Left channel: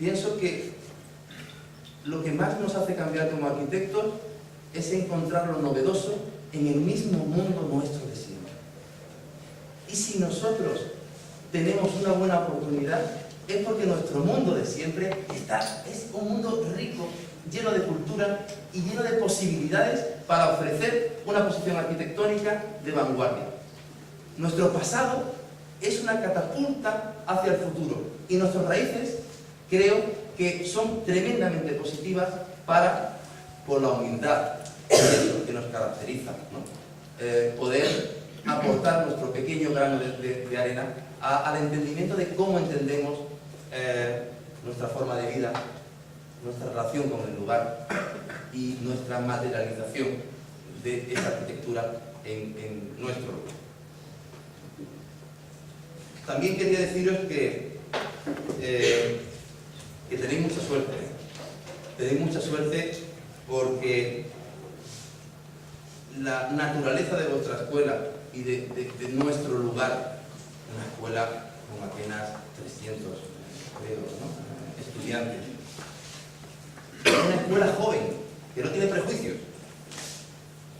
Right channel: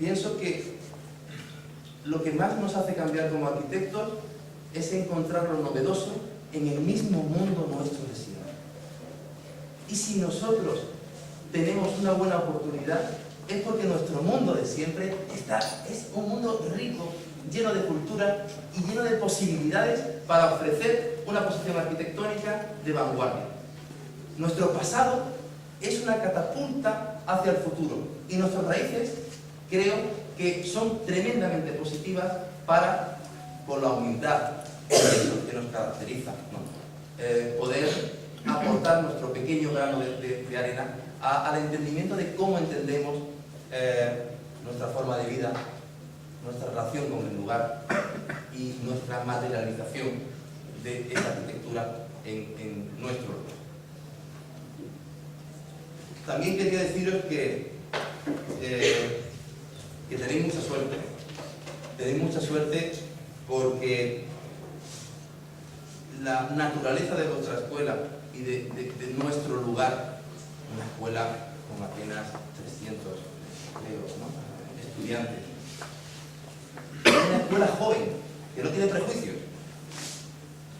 pienso que lo que más nos hace cambiar como arquitectos es encontrar lo novedoso en el mismo mundo nuestro de siempre. Y si nosotros tenemos una buena oportunidad, es porque nuestro mundo de siempre es un mundo rico, lleno de cultura y lleno de posibilidades para ofrecer una posición arquitectónica de vanguardia. Nuestro pasado es una catapulta hacia el futuro y nuestras raíces creo que son tremendamente positivas para, con la humildad que nos caracteriza, ¿no? Poder aportar nuestro pequeño grano de arena al entendimiento de cómo entendemos nuestra forma de vida, nuestra relación con el lugar y nuestra materialización de esta arquitectura en nuestro lugar. También quería deciros que tenéis mucha suerte. Tenéis mucha suerte porque la naturaleza de vuestra escuela y de nuestro lugar, una escuela con apenas 300, creo, ¿no? Estudiantes, una escuela joven, que no tiene prejuicios,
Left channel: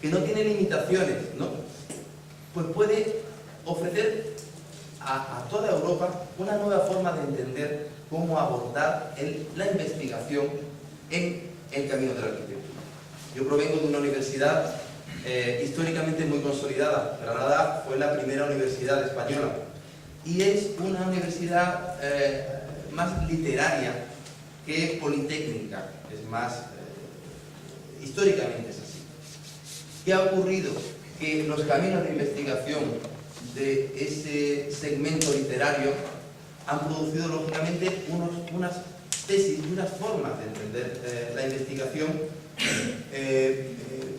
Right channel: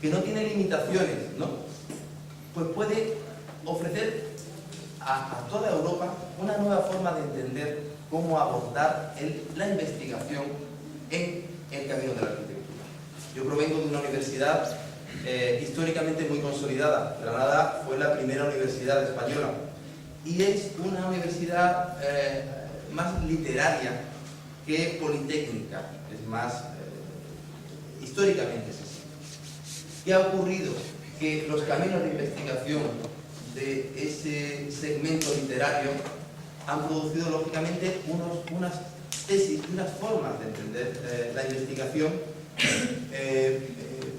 que no tiene limitaciones, ¿no? Pues puede ofrecer a toda Europa una nueva forma de entender cómo abordar la investigación en el camino de la arquitectura. Yo provengo de una universidad históricamente muy consolidada. Granada fue la primera universidad española y es una universidad más literaria que politécnica, es más, históricamente es así. ¿Qué ha ocurrido? Que los caminos de investigación de ese segmento literario han producido lógicamente unas tesis y unas formas de entender la investigación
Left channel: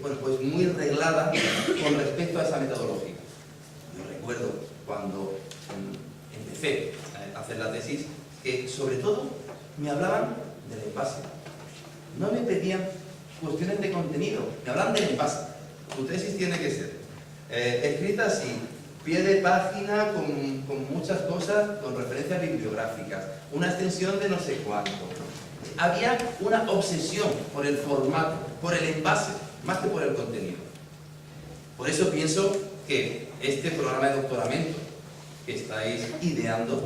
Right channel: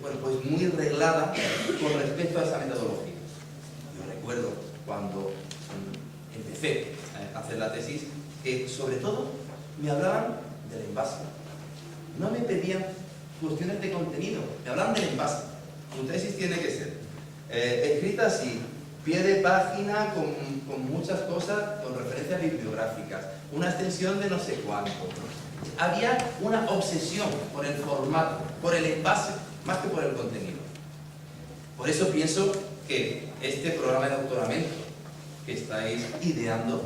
bueno, pues muy reglada con respecto a esa metodología. Yo recuerdo cuando empecé a hacer la tesis que sobre todo me hablaban del envase. No me pedían cuestiones de contenido, me hablaban del envase. Tu tesis tiene que ser escrita así, pie de página con muchas cosas, con referencias bibliográficas, una extensión de no sé cuánto. Había una obsesión por el formato, por el envase, más que por el contenido. Por eso pienso que este programa de doctoramiento que estáis ideando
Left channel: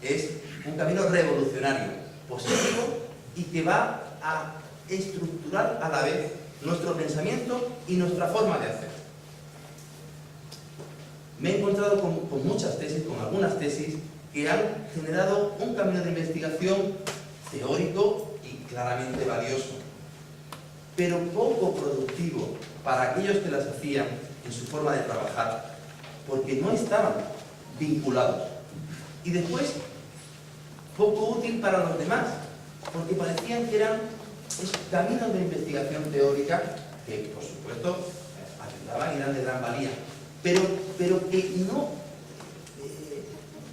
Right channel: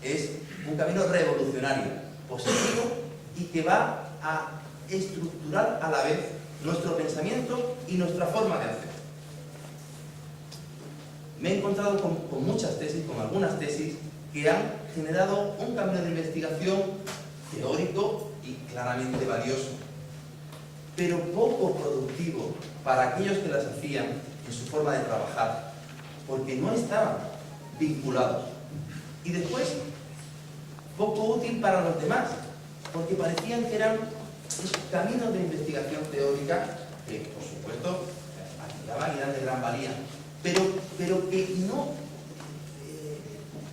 es un camino revolucionario, positivo y que va a estructurar a la vez nuestro pensamiento y nuestra forma de hacer. Me he encontrado con muchas tesis, con algunas tesis que han generado un camino de investigación teórico y claramente valioso, pero poco productivo para aquellos que las hacían en su forma de trabajar, porque no estaban vinculados. Y después, poco útil para los demás, porque parecían que eran caminos de investigación teórica que, por supuesto, ayudaban y eran de gran valía, pero que no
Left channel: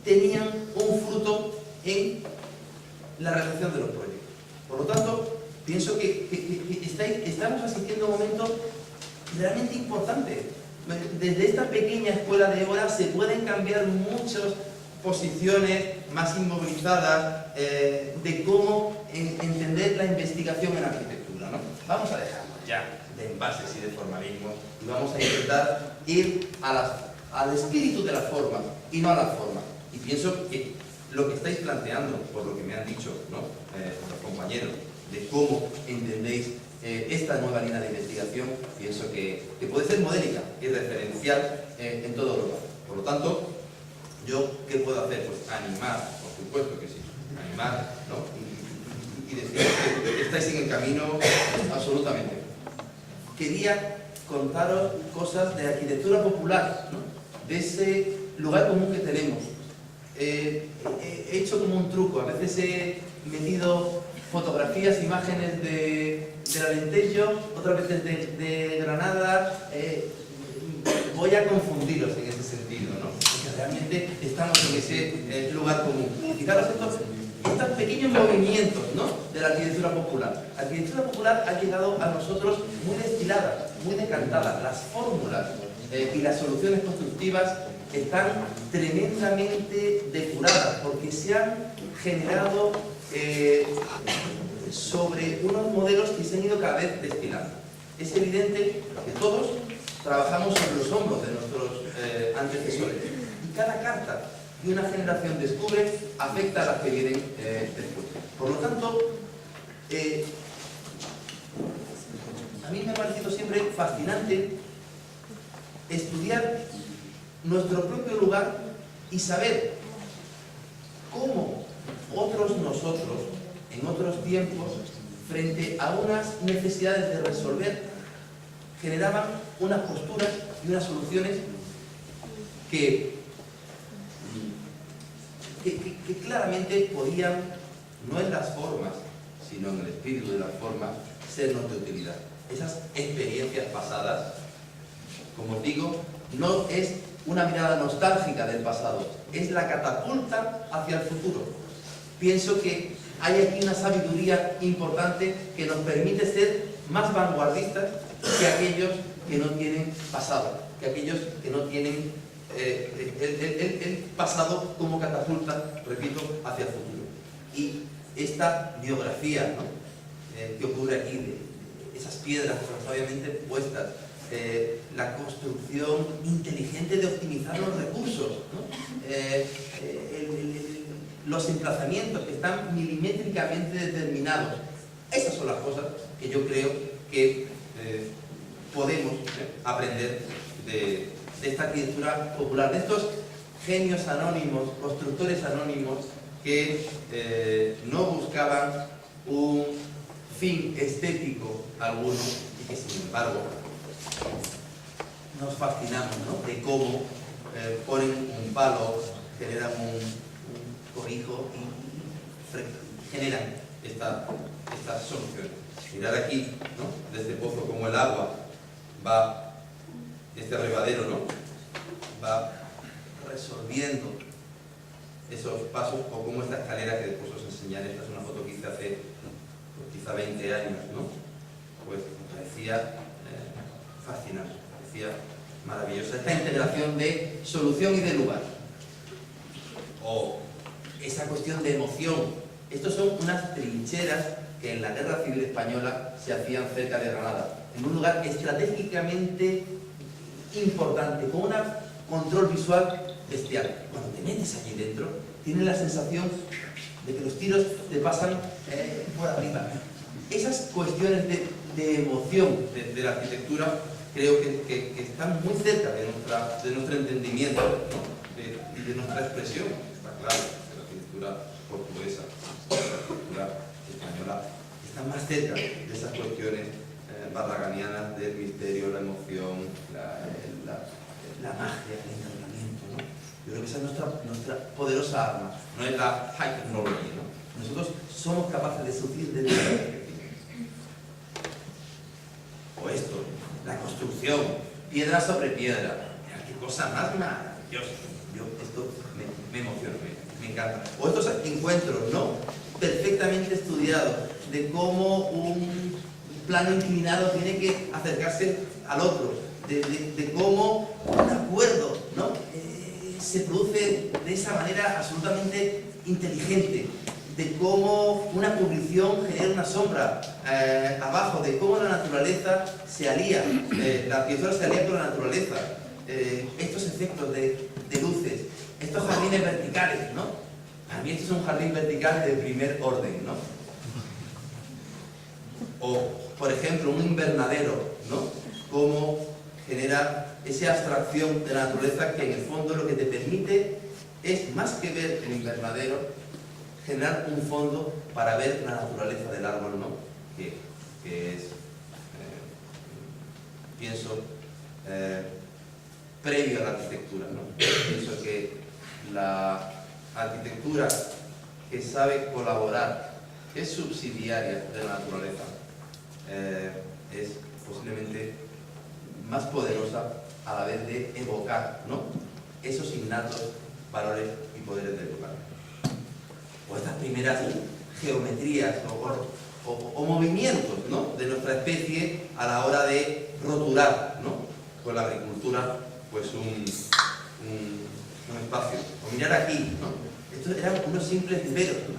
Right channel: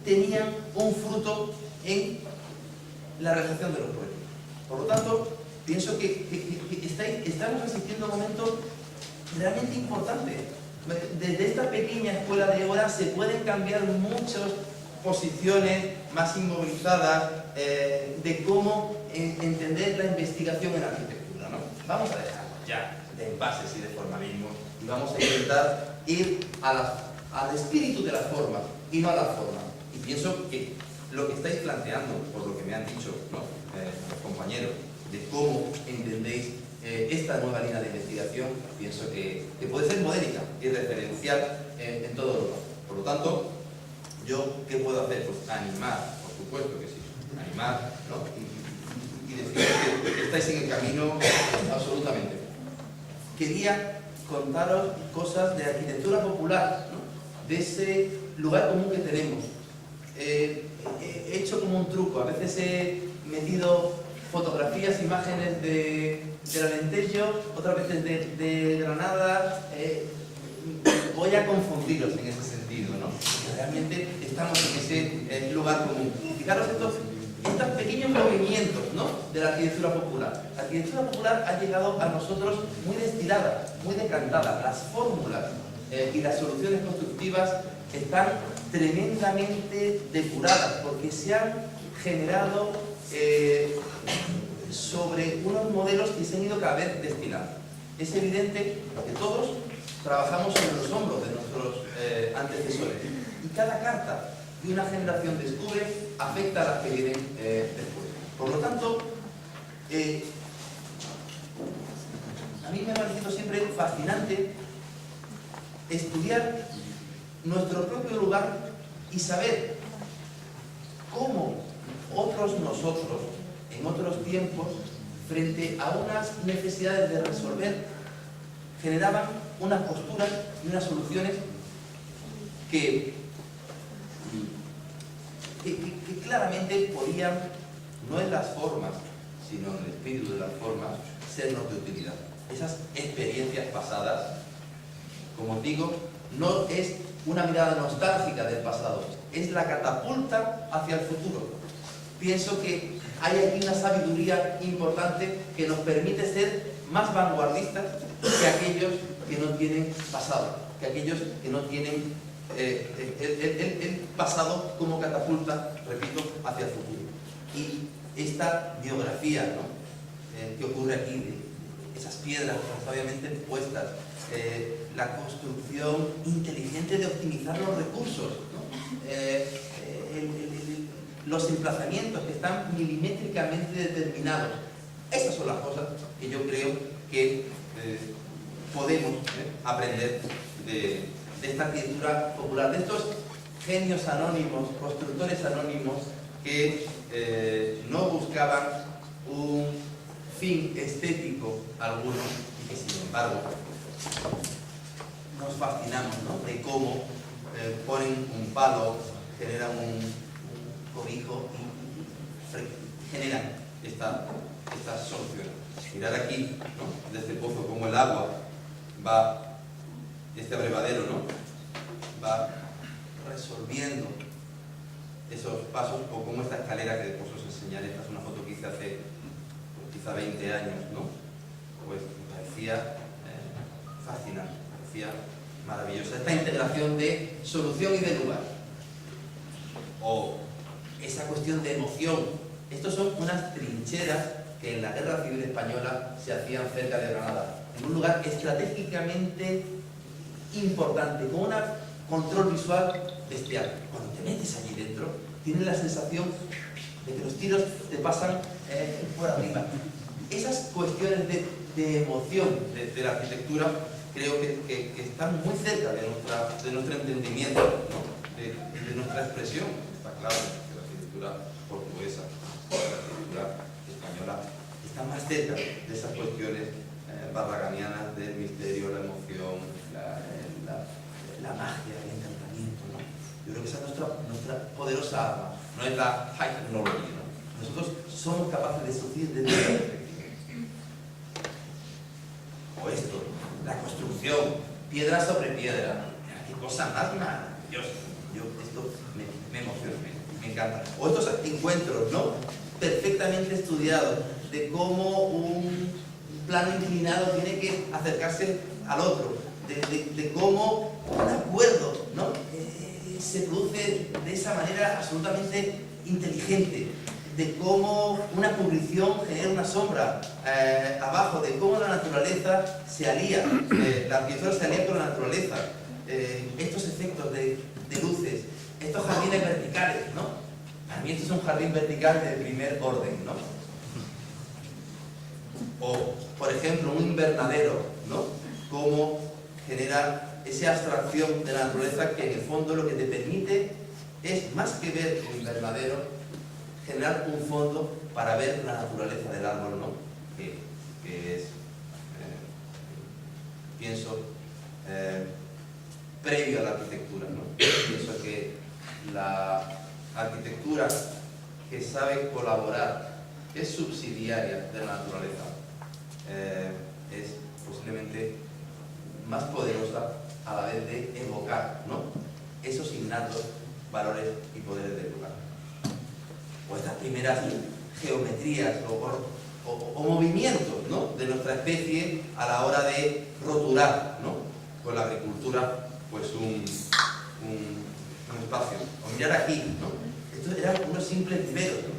tenían un fruto en la realización de los proyectos. Por lo tanto, pienso que estamos asistiendo a un momento realmente importante. Desde esta pequeña escuela de horas se pueden cambiar muchas posiciones más inmovilizadas de cómo entender la investigación en arquitectura, ¿no? Vamos a dejarnos ya de envases y de formalismo y vamos a intentar ir al espíritu de la forma y no a la forma. Y pienso que lo que estáis planteando, por lo que me han dicho, ¿no? Los compañeros, de cómo entendéis esta nueva línea de investigación, pienso que puede ser modélica y referencial en todo Europa. Por lo tanto, ¿yo qué puedo hacer? Pues animar, por supuesto que sí, animar, ¿no? Y decir que estáis en el camino absolutamente. Quería contaros cosas de arquitectura popular, ¿no? De ese lugar común que tenemos. He hecho como un truco, a veces he metido fotografías, imágenes del Alentejo, otras veces de Granada. Voy a confundiros en ese sentido, ¿no? Porque realmente estamos en ese lugar común. Y fijaros estos pequeños movimientos, ¿no? De la arquitectura popular. La arquitectura popular ha llegado a nosotros muy destilada, muy decantada. Las fórmulas y las soluciones constructivas están tremendamente depuradas porque se han generado sobre unos modelos que se han ido cada vez destilando. Es evidente que todos trabajamos sobre los hombros de nuestros antecesores, y cada carta que una generación descubre afecta a las que vienen después. Por lo tanto, a mí me ha parecido siempre fascinante estudiar nuestro propio lugar y saber cómo otros nosotros, en otros tiempos, frente a unas necesidades de resolver, generaban unas posturas y unas soluciones que claramente podían, no en las formas, sino en el espíritu de las formas, sernos de utilidad. Esas experiencias pasadas, como os digo, no es una mirada nostálgica del pasado, es la catapulta hacia el futuro. Pienso que hay aquí una sabiduría importante que nos permite ser más vanguardistas que aquellos que no tienen pasado, que aquellos que no tienen el pasado como catapulta, repito, hacia el futuro. Y esta biografía, ¿no?, que ocurre aquí, de esas piedras tan sabiamente puestas, la construcción inteligente de optimizar los recursos, ¿no?, los emplazamientos que están milimétricamente determinados. Esas son las cosas que yo creo que podemos aprender de esta arquitectura popular, de estos genios anónimos, constructores anónimos que no buscaban un fin estético alguno y que sin embargo nos fascinamos, ¿no?, de cómo ponen un palo, generan un cobijo y generan esta solución. Mirad aquí, ¿no?, de este pozo, como el agua va, este abrevadero, ¿no?, va resolviendo esos pasos, o como esta escalera que después os enseñaré. Esta es una foto que hice hace pues, quizá 20 años, ¿no? Pues me parecía fascinante, me parecía maravillosa esta integración de solución y de lugar, o esa cuestión de emoción. Estos son unas trincheras que en la Guerra Civil Española se hacían cerca de Granada, en un lugar estratégicamente importante, con un control visual bestial. Cuando te metes allí dentro, tienes la sensación de que los tiros te pasan por arriba. Esas cuestiones de emoción de la arquitectura creo que están muy cerca de nuestro entendimiento, ¿no?, de nuestra expresión. Está claro que la arquitectura portuguesa, la arquitectura española, está más cerca de esas cuestiones barraganianas del misterio, la emoción, la magia, el encantamiento, ¿no? Yo creo que esa es nuestra poderosa arma, no es la high technology, ¿no? Nosotros somos capaces de surgir de nuestra perspectiva. O esto, la construcción, piedra sobre piedra. ¡Qué cosa más maravillosa! Esto me emociona, me encanta. O estos encuentros, ¿no?, perfectamente estudiados, de cómo un plano inclinado tiene que acercarse al otro, de cómo un acuerdo, ¿no?, se produce de esa manera absolutamente inteligente, de cómo una cubrición genera una sombra abajo, de cómo la naturaleza se alía, la arquitectura se alía con la naturaleza, estos efectos de luces, estos jardines verticales, ¿no? Para mí esto es un jardín vertical de primer orden, ¿no? O, por ejemplo, un invernadero, ¿no?, cómo genera esa abstracción de la naturaleza que en el fondo lo que te permite es, más que ver el invernadero, generar un fondo para ver la naturaleza del árbol, ¿no?, que es, pienso, previo a la arquitectura, ¿no? Pienso que la arquitectura que sabe colaborar, que es subsidiaria de la naturaleza, es posiblemente más poderosa a la vez de evocar, ¿no?, esos innatos valores y poderes del lugar. O estas primeras geometrías o movimientos, ¿no?, de nuestra especie a la hora de roturar, ¿no?, con la agricultura, pues un espacio. O mirar aquí, ¿no?, estos eran unos simples viveros, ¿no?,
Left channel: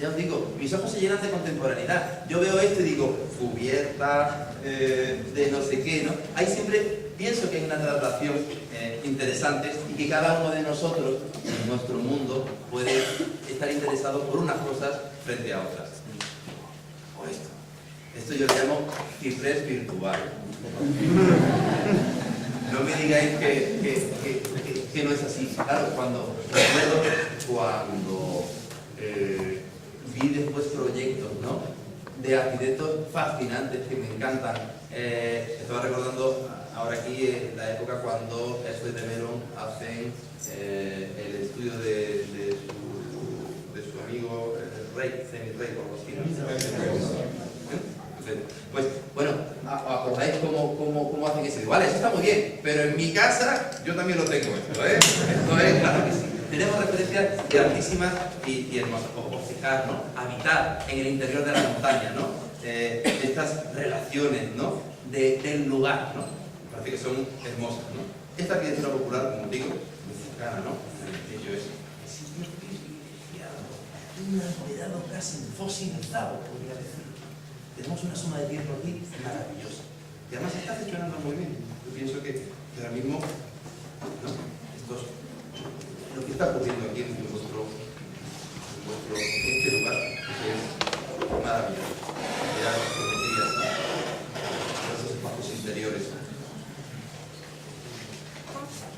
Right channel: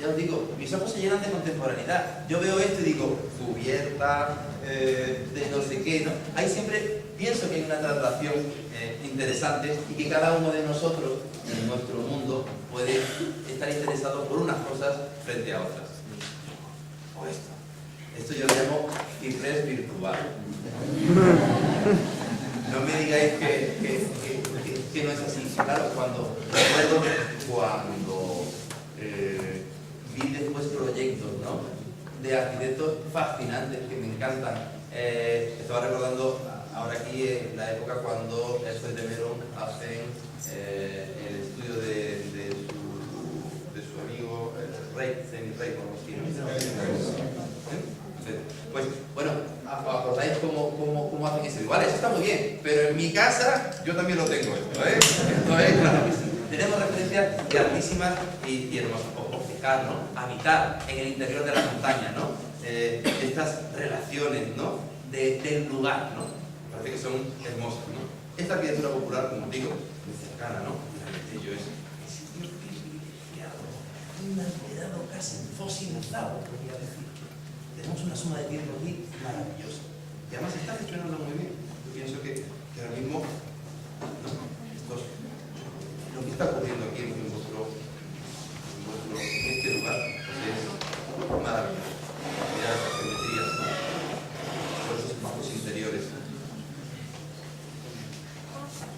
Ya os digo, mis ojos se llenan de contemporaneidad. Yo veo esto y digo, cubierta, de no sé qué, ¿no? Ahí siempre pienso que hay una traslación interesante y que cada uno de nosotros, en nuestro mundo, puede estar interesado por unas cosas frente a otras. O esto. Esto yo le llamo ciprés virtual. No me digáis que no es así. Claro, recuerdo cuando vi después proyectos, ¿no?, de arquitectos fascinantes que me encantan. Estaba recordando ahora aquí la época cuando Elfred de Meuron hacen el estudio de su amigo Rey, semi-Rey, por los tiros. Pues bueno, ¿acordáis cómo hacen eso? Igual, eso está muy bien, pero en mi casa yo también lo tengo esto, ¿eh? Esto es, claro que sí. Tenemos referencias grandísimas y hermosas. O fijar, ¿no? Habitar en el interior de la montaña, ¿no? Estas relaciones, ¿no?, del lugar, ¿no? Me parece que son hermosas, ¿no? Esta arquitectura popular, como digo, muy cercana, ¿no? Ello es el sitio privilegiado, inalterado, casi fosilizado, podría decir. Tenemos una suma de tiempo aquí maravillosa. Y además está funcionando muy bien. Yo pienso que ahora mismo, ¿no?, lo que está ocurriendo aquí en este lugar es maravilloso. Mirad las geometrías, ¿no?, por estos espacios interiores.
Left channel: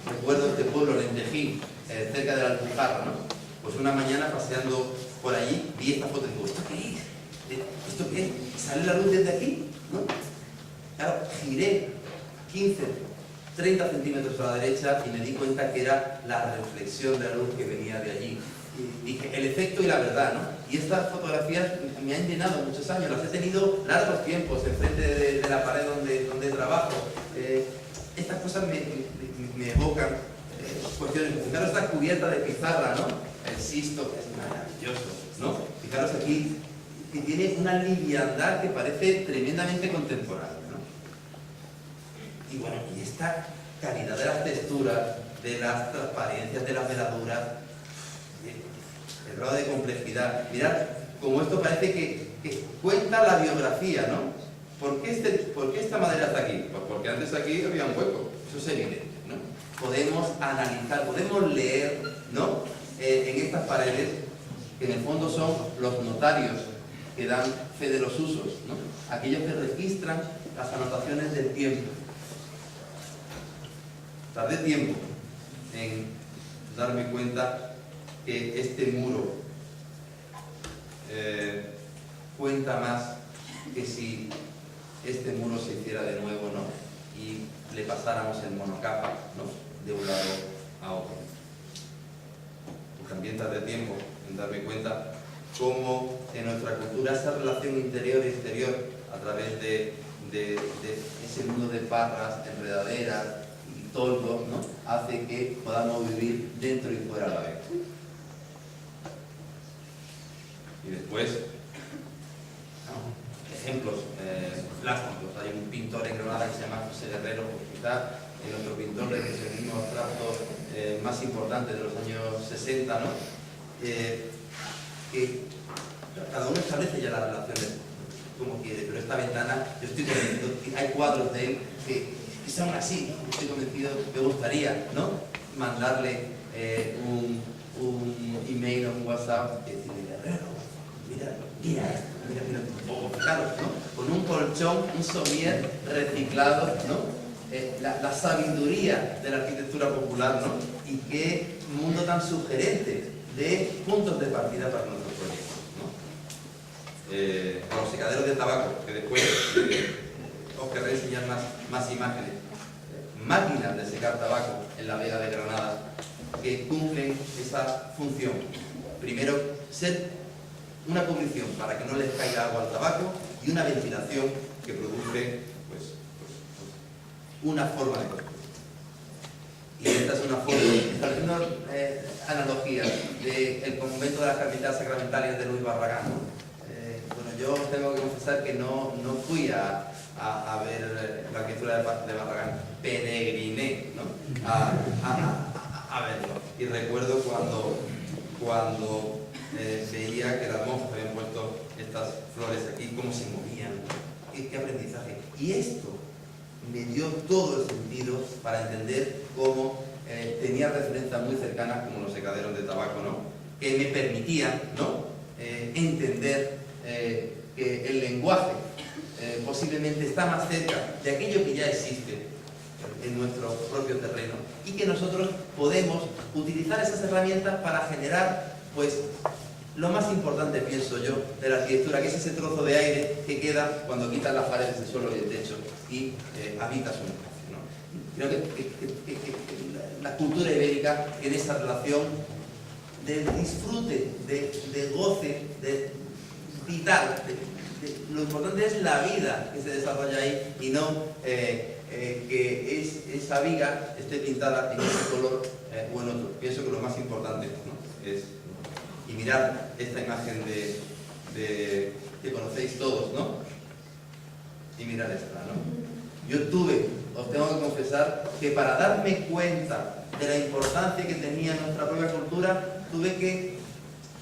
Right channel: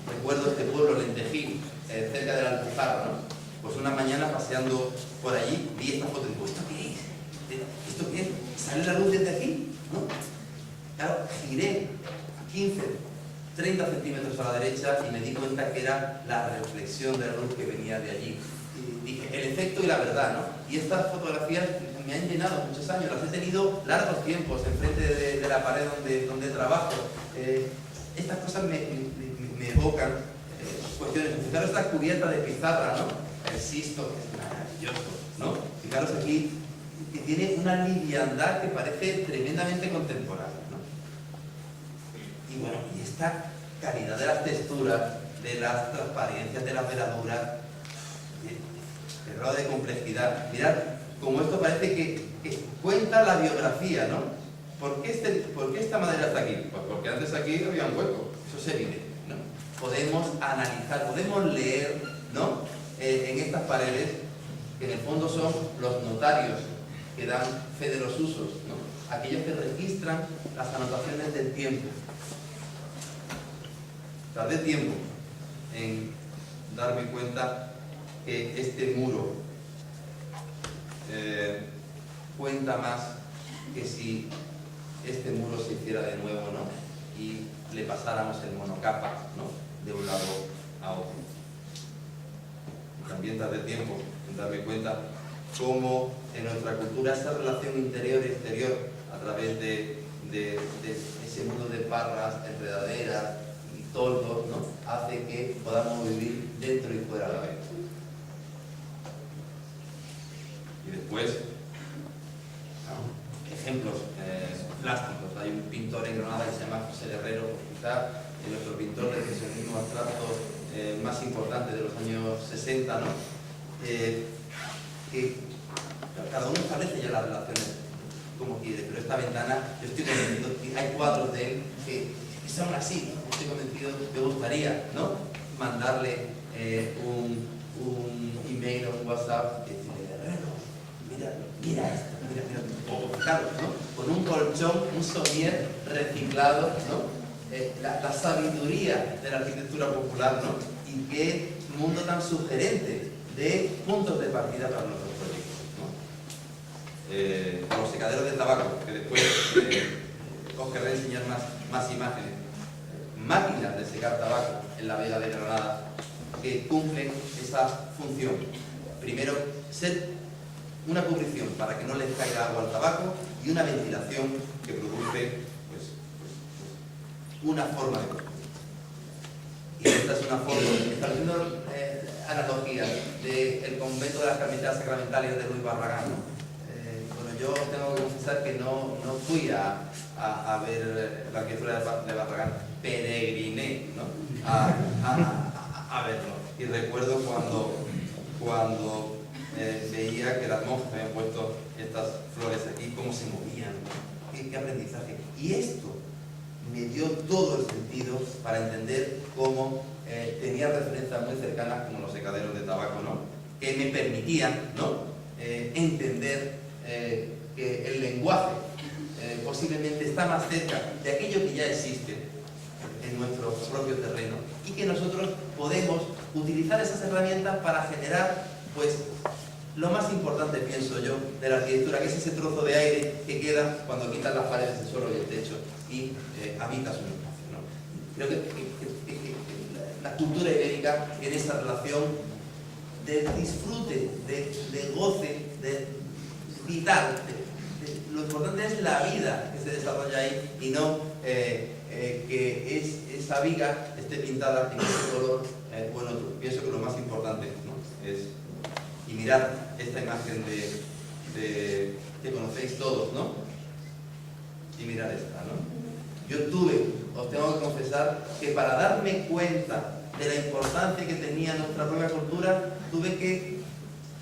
Recuerdo este pueblo, Lentejín, cerca de la Alpujarra, ¿no? Pues una mañana paseando por allí vi esta foto y digo, ¿esto qué es? ¿Esto qué es? ¿Sale la luz desde aquí? ¿No? Claro, giré 15, 30 centímetros a la derecha y me di cuenta que era la reflexión de la luz que venía de allí. Y dije, el efecto y la verdad, ¿no? Y estas fotografías me han llenado muchos años, las he tenido largos tiempos enfrente de la pared donde trabajo. Estas cosas me evocan cuestiones. Fijaros esta cubierta de pizarra, ¿no? El Sisto, que es maravilloso, ¿no? Fijaros aquí, que tiene una liviandad que parece tremendamente contemporánea, ¿no? Y bueno, y esta calidad de las texturas, de las transparencias, de las veladuras, el grado de complejidad. Mirad, como esto parece que cuenta la biografía, ¿no? ¿Por qué esta madera está aquí? Pues porque antes aquí había un hueco, eso es evidente, ¿no? Podemos analizar, podemos leer, ¿no?, en estas paredes, que en el fondo son los notarios que dan fe de los usos, ¿no?, aquellos que registran las anotaciones del tiempo. Tardé tiempo en darme cuenta que este muro cuenta más que si este muro se hiciera de nuevo, ¿no?, y le pasáramos el monocapa, ¿no?, de un lado a otro. Y también tardé tiempo en darme cuenta cómo en nuestra cultura esa relación interior-exterior a través de ese mundo de parras, enredaderas y toldos, ¿no?, hace que podamos vivir dentro y fuera a la vez. Y después, ejemplos plásticos. Hay un pintor en Granada que se llama José Guerrero, quizás nuestro pintor de expresionismo abstracto más importante de los años 60, ¿no?, que cada uno establece ya las relaciones como quiere, pero esta ventana, yo estoy convencido, hay cuadros de él que son así, ¿no? Estoy convencido, me gustaría, ¿no?, mandarle un email o un WhatsApp y decirle, Guerrero, mira esto, mira, o fijaros, ¿no?, con un colchón, un somier reciclado, ¿no?, la sabiduría de la arquitectura popular, ¿no?, y qué mundo tan sugerente de puntos de partida para nuestros proyectos, ¿no? Con los secaderos de tabaco, que después os querré enseñar más imágenes. Máquinas de secar tabaco en la Vega de Granada que cumplen esa función. Primero, ser una cubrición para que no les caiga agua al tabaco y una ventilación que produce una forma de construir. Y esta es una forma, estableciendo analogías del convento de las Carmelitas Sacramentales de Luis Barragán, ¿no? Bueno, yo tengo que confesar que no fui a ver la arquitectura de Barragán, peregriné, ¿no?, a verlo. Y recuerdo cuando veía que las monjas habían puesto estas flores aquí, cómo se movían, qué aprendizaje. Y esto me dio todo el sentido para entender cómo tenía referencias muy cercanas como los secaderos de tabaco, ¿no? Que me permitían, ¿no? Entender que el lenguaje posiblemente está más cerca de aquello que ya existe en nuestro propio terreno y que nosotros podemos utilizar esas herramientas para generar, pues, lo más importante, pienso yo, de la arquitectura, que es ese trozo de aire que queda cuando quitas las paredes del suelo y el techo y habitas un espacio, ¿no? Creo que la cultura ibérica, en esa relación de disfrute, de goce, de vital, lo importante es la vida que se desarrolla ahí y no que esa viga esté pintada en ese color o en otro. Pienso que lo más importante, ¿no? Es, y mirar esta imagen que conocéis todos, ¿no? Y mirar esta, ¿no? Yo os tengo que confesar que para darme cuenta de la importancia que tenía nuestra propia cultura, tuve que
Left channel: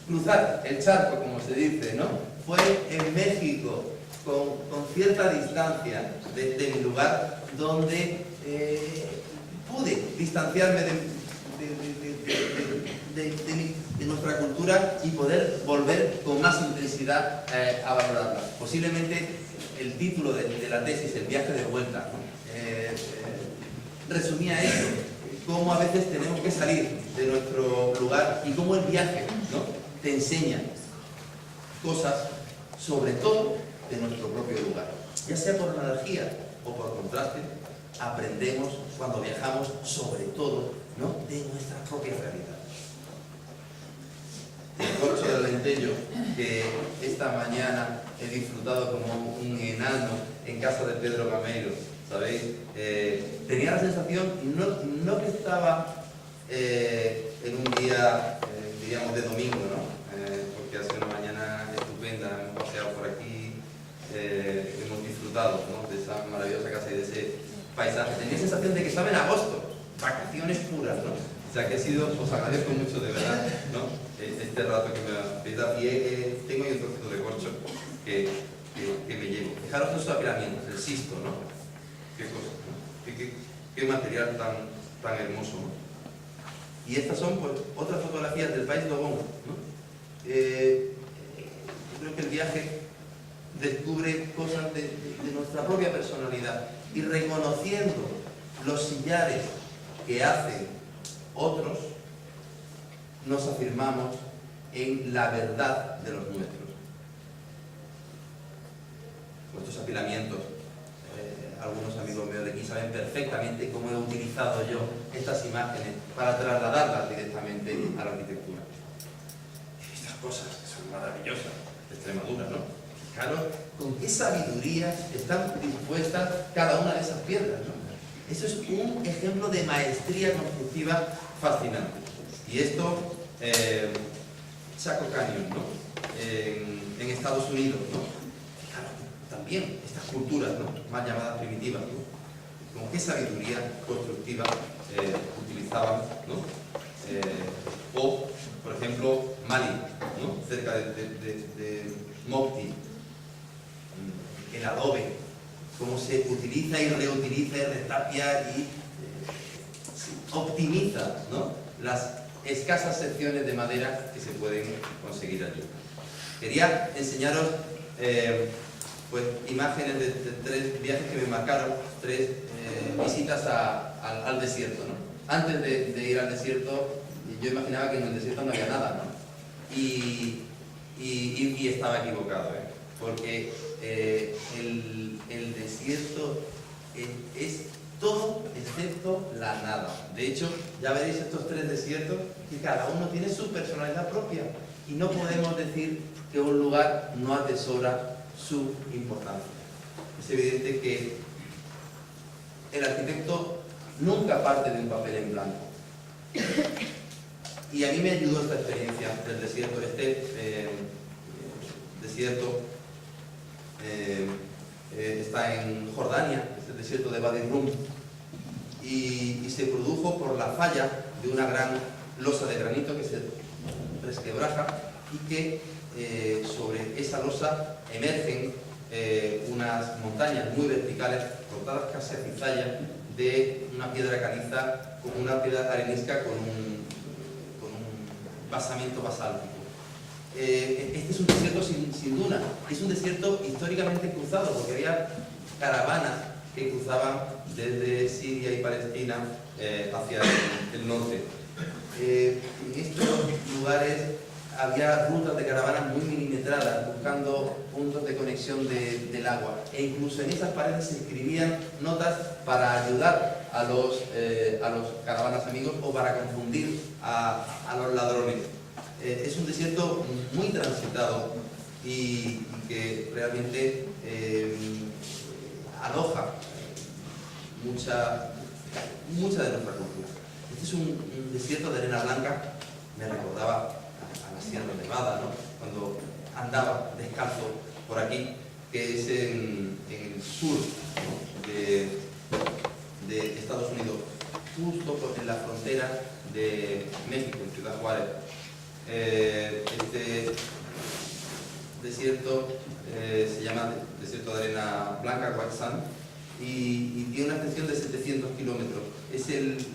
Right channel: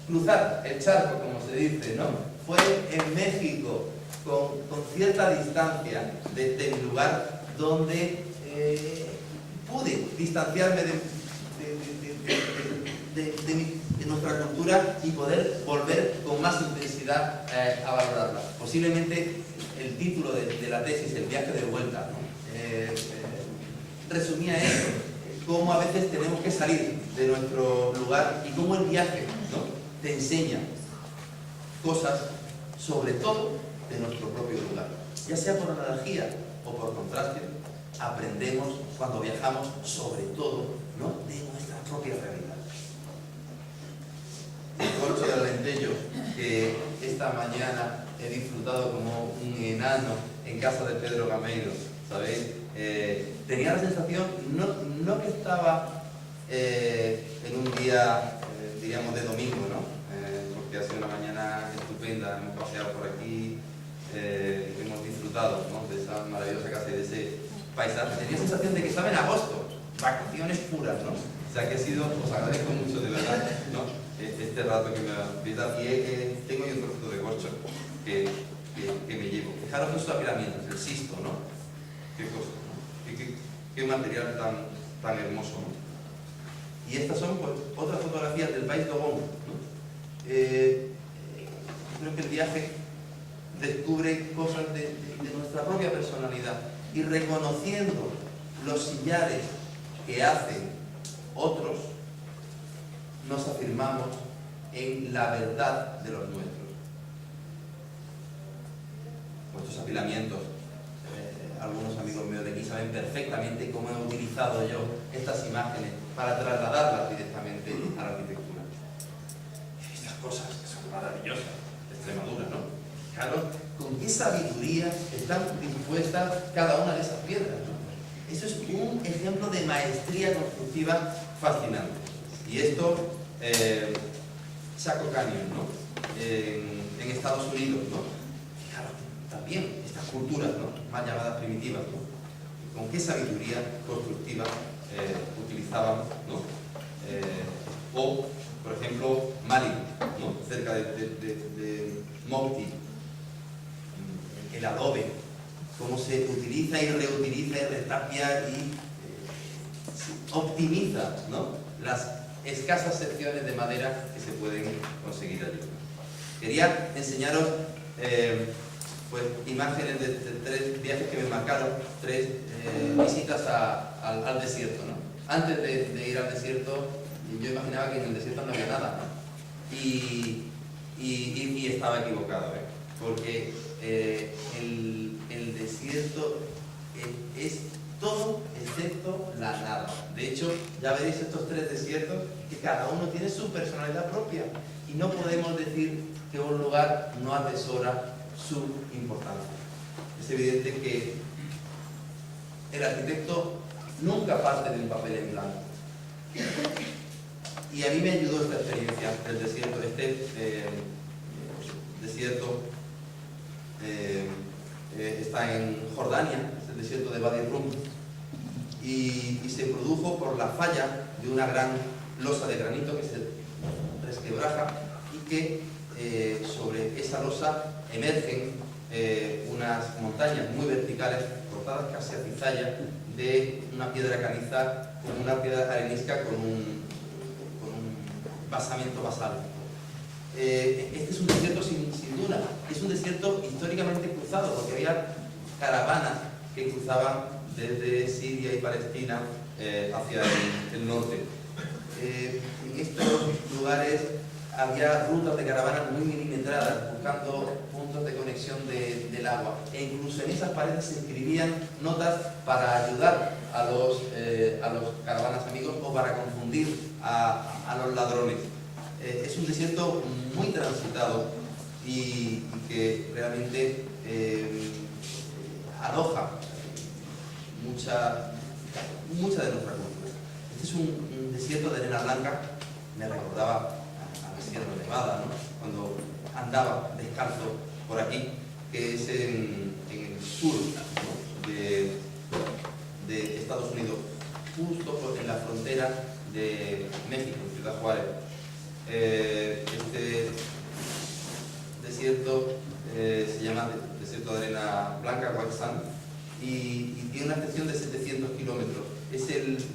cruzar el charco, como se dice, ¿no? Fue en México, con cierta distancia de mi lugar, donde pude distanciarme de nuestra cultura y poder volver con más intensidad a valorarla. Posiblemente el título de la tesis, El viaje de vuelta, ¿no? Resumía eso, cómo a veces tenemos que salir de nuestro lugar y cómo el viaje, ¿no? Te enseña cosas, sobre todo de nuestro propio lugar. Ya sea por analogía o por contraste, aprendemos cuando viajamos, sobre todo, ¿no? De nuestra propia realidad. El corcho del Alentejo, que esta mañana he disfrutado como un enano en casa de Pedro Gameiro, ¿sabéis? Tenía la sensación, no que estaba en un día, diríamos, de domingo, ¿no? Porque ha sido una mañana estupenda, hemos paseado por aquí, hemos disfrutado, ¿no? De esa maravillosa casa y de ese paisaje. Tenía la sensación de que estaba en agosto, vacaciones puras, ¿no? O sea que os agradezco mucho de verdad, ¿no? Este rato que me habéis dado. Y tengo ahí un trocito de corcho que me llevo. Fijaros en sus apilamientos, el sisto, ¿no? Qué cosa, ¿no? Qué material tan hermoso, ¿no? Y estas son, pues, otras fotografías del país Dogón, ¿no? Creo que el viaje descubre cosas de nuestra propia personalidad y reconociendo los sillares que hacen otros, nos afirmamos en la verdad de los nuestros. Estos apilamientos, algunos amigos míos de aquí saben perfectamente cómo he utilizado yo estas imágenes para trasladarlas directamente a la arquitectura. Y estas cosas que son maravillosas de Extremadura, ¿no? Fijaros con qué sabiduría están dispuestas cada una de esas piedras, ¿no? Eso es un ejemplo de maestría constructiva fascinante. Y esto, Chaco Canyon, ¿no? En Estados Unidos, ¿no? Fijaros, también estas culturas, ¿no? Más llamadas primitivas, ¿no? Con qué sabiduría constructiva utilizaban, ¿no? O, por ejemplo, Mali, ¿no? Cerca de Mopti, el adobe, cómo se utiliza y reutiliza y retapia y optimiza, ¿no? Las escasas secciones de madera que se pueden conseguir allí. Quería enseñaros pues, imágenes de 3 viajes que me marcaron, 3 visitas al desierto, ¿no? Antes de ir al desierto, yo imaginaba que en el desierto no había nada, ¿no? Y estaba equivocado, ¿eh? Porque el desierto es todo excepto la nada. De hecho, ya veréis estos 3 desiertos que cada uno tiene su personalidad propia y no podemos decir que un lugar no atesora su importancia. Es evidente que el arquitecto nunca parte de un papel en blanco. Y a mí me ayudó esta experiencia del desierto. Desierto está en Jordania, es el desierto de Wadi Rum, y se produjo por la falla de una gran losa de granito que se resquebraja y que sobre esa losa emergen unas montañas muy verticales, cortadas casi a cizalla, de una piedra caliza, con una piedra arenisca con un basamento basáltico. Este es un desierto sin duna, es un desierto históricamente cruzado, porque había caravanas que cruzaban desde Siria y Palestina hacia el norte. En estos lugares había rutas de caravanas muy milimetradas, buscando puntos de conexión del agua. E incluso en esas paredes se escribían notas para ayudar a los caravanas amigos o para confundir a los ladrones. Es un desierto muy transitado y que realmente aloja mucha de nuestra cultura. Este es un desierto de arena blanca, me recordaba a la Sierra Nevada, ¿no? Cuando andaba descalzo por aquí, que es en el sur, ¿no? de Estados Unidos, justo en la frontera de México, en Ciudad Juárez. Este desierto se llama desierto de arena blanca, White Sand, y tiene una extensión de 700 kilómetros. Es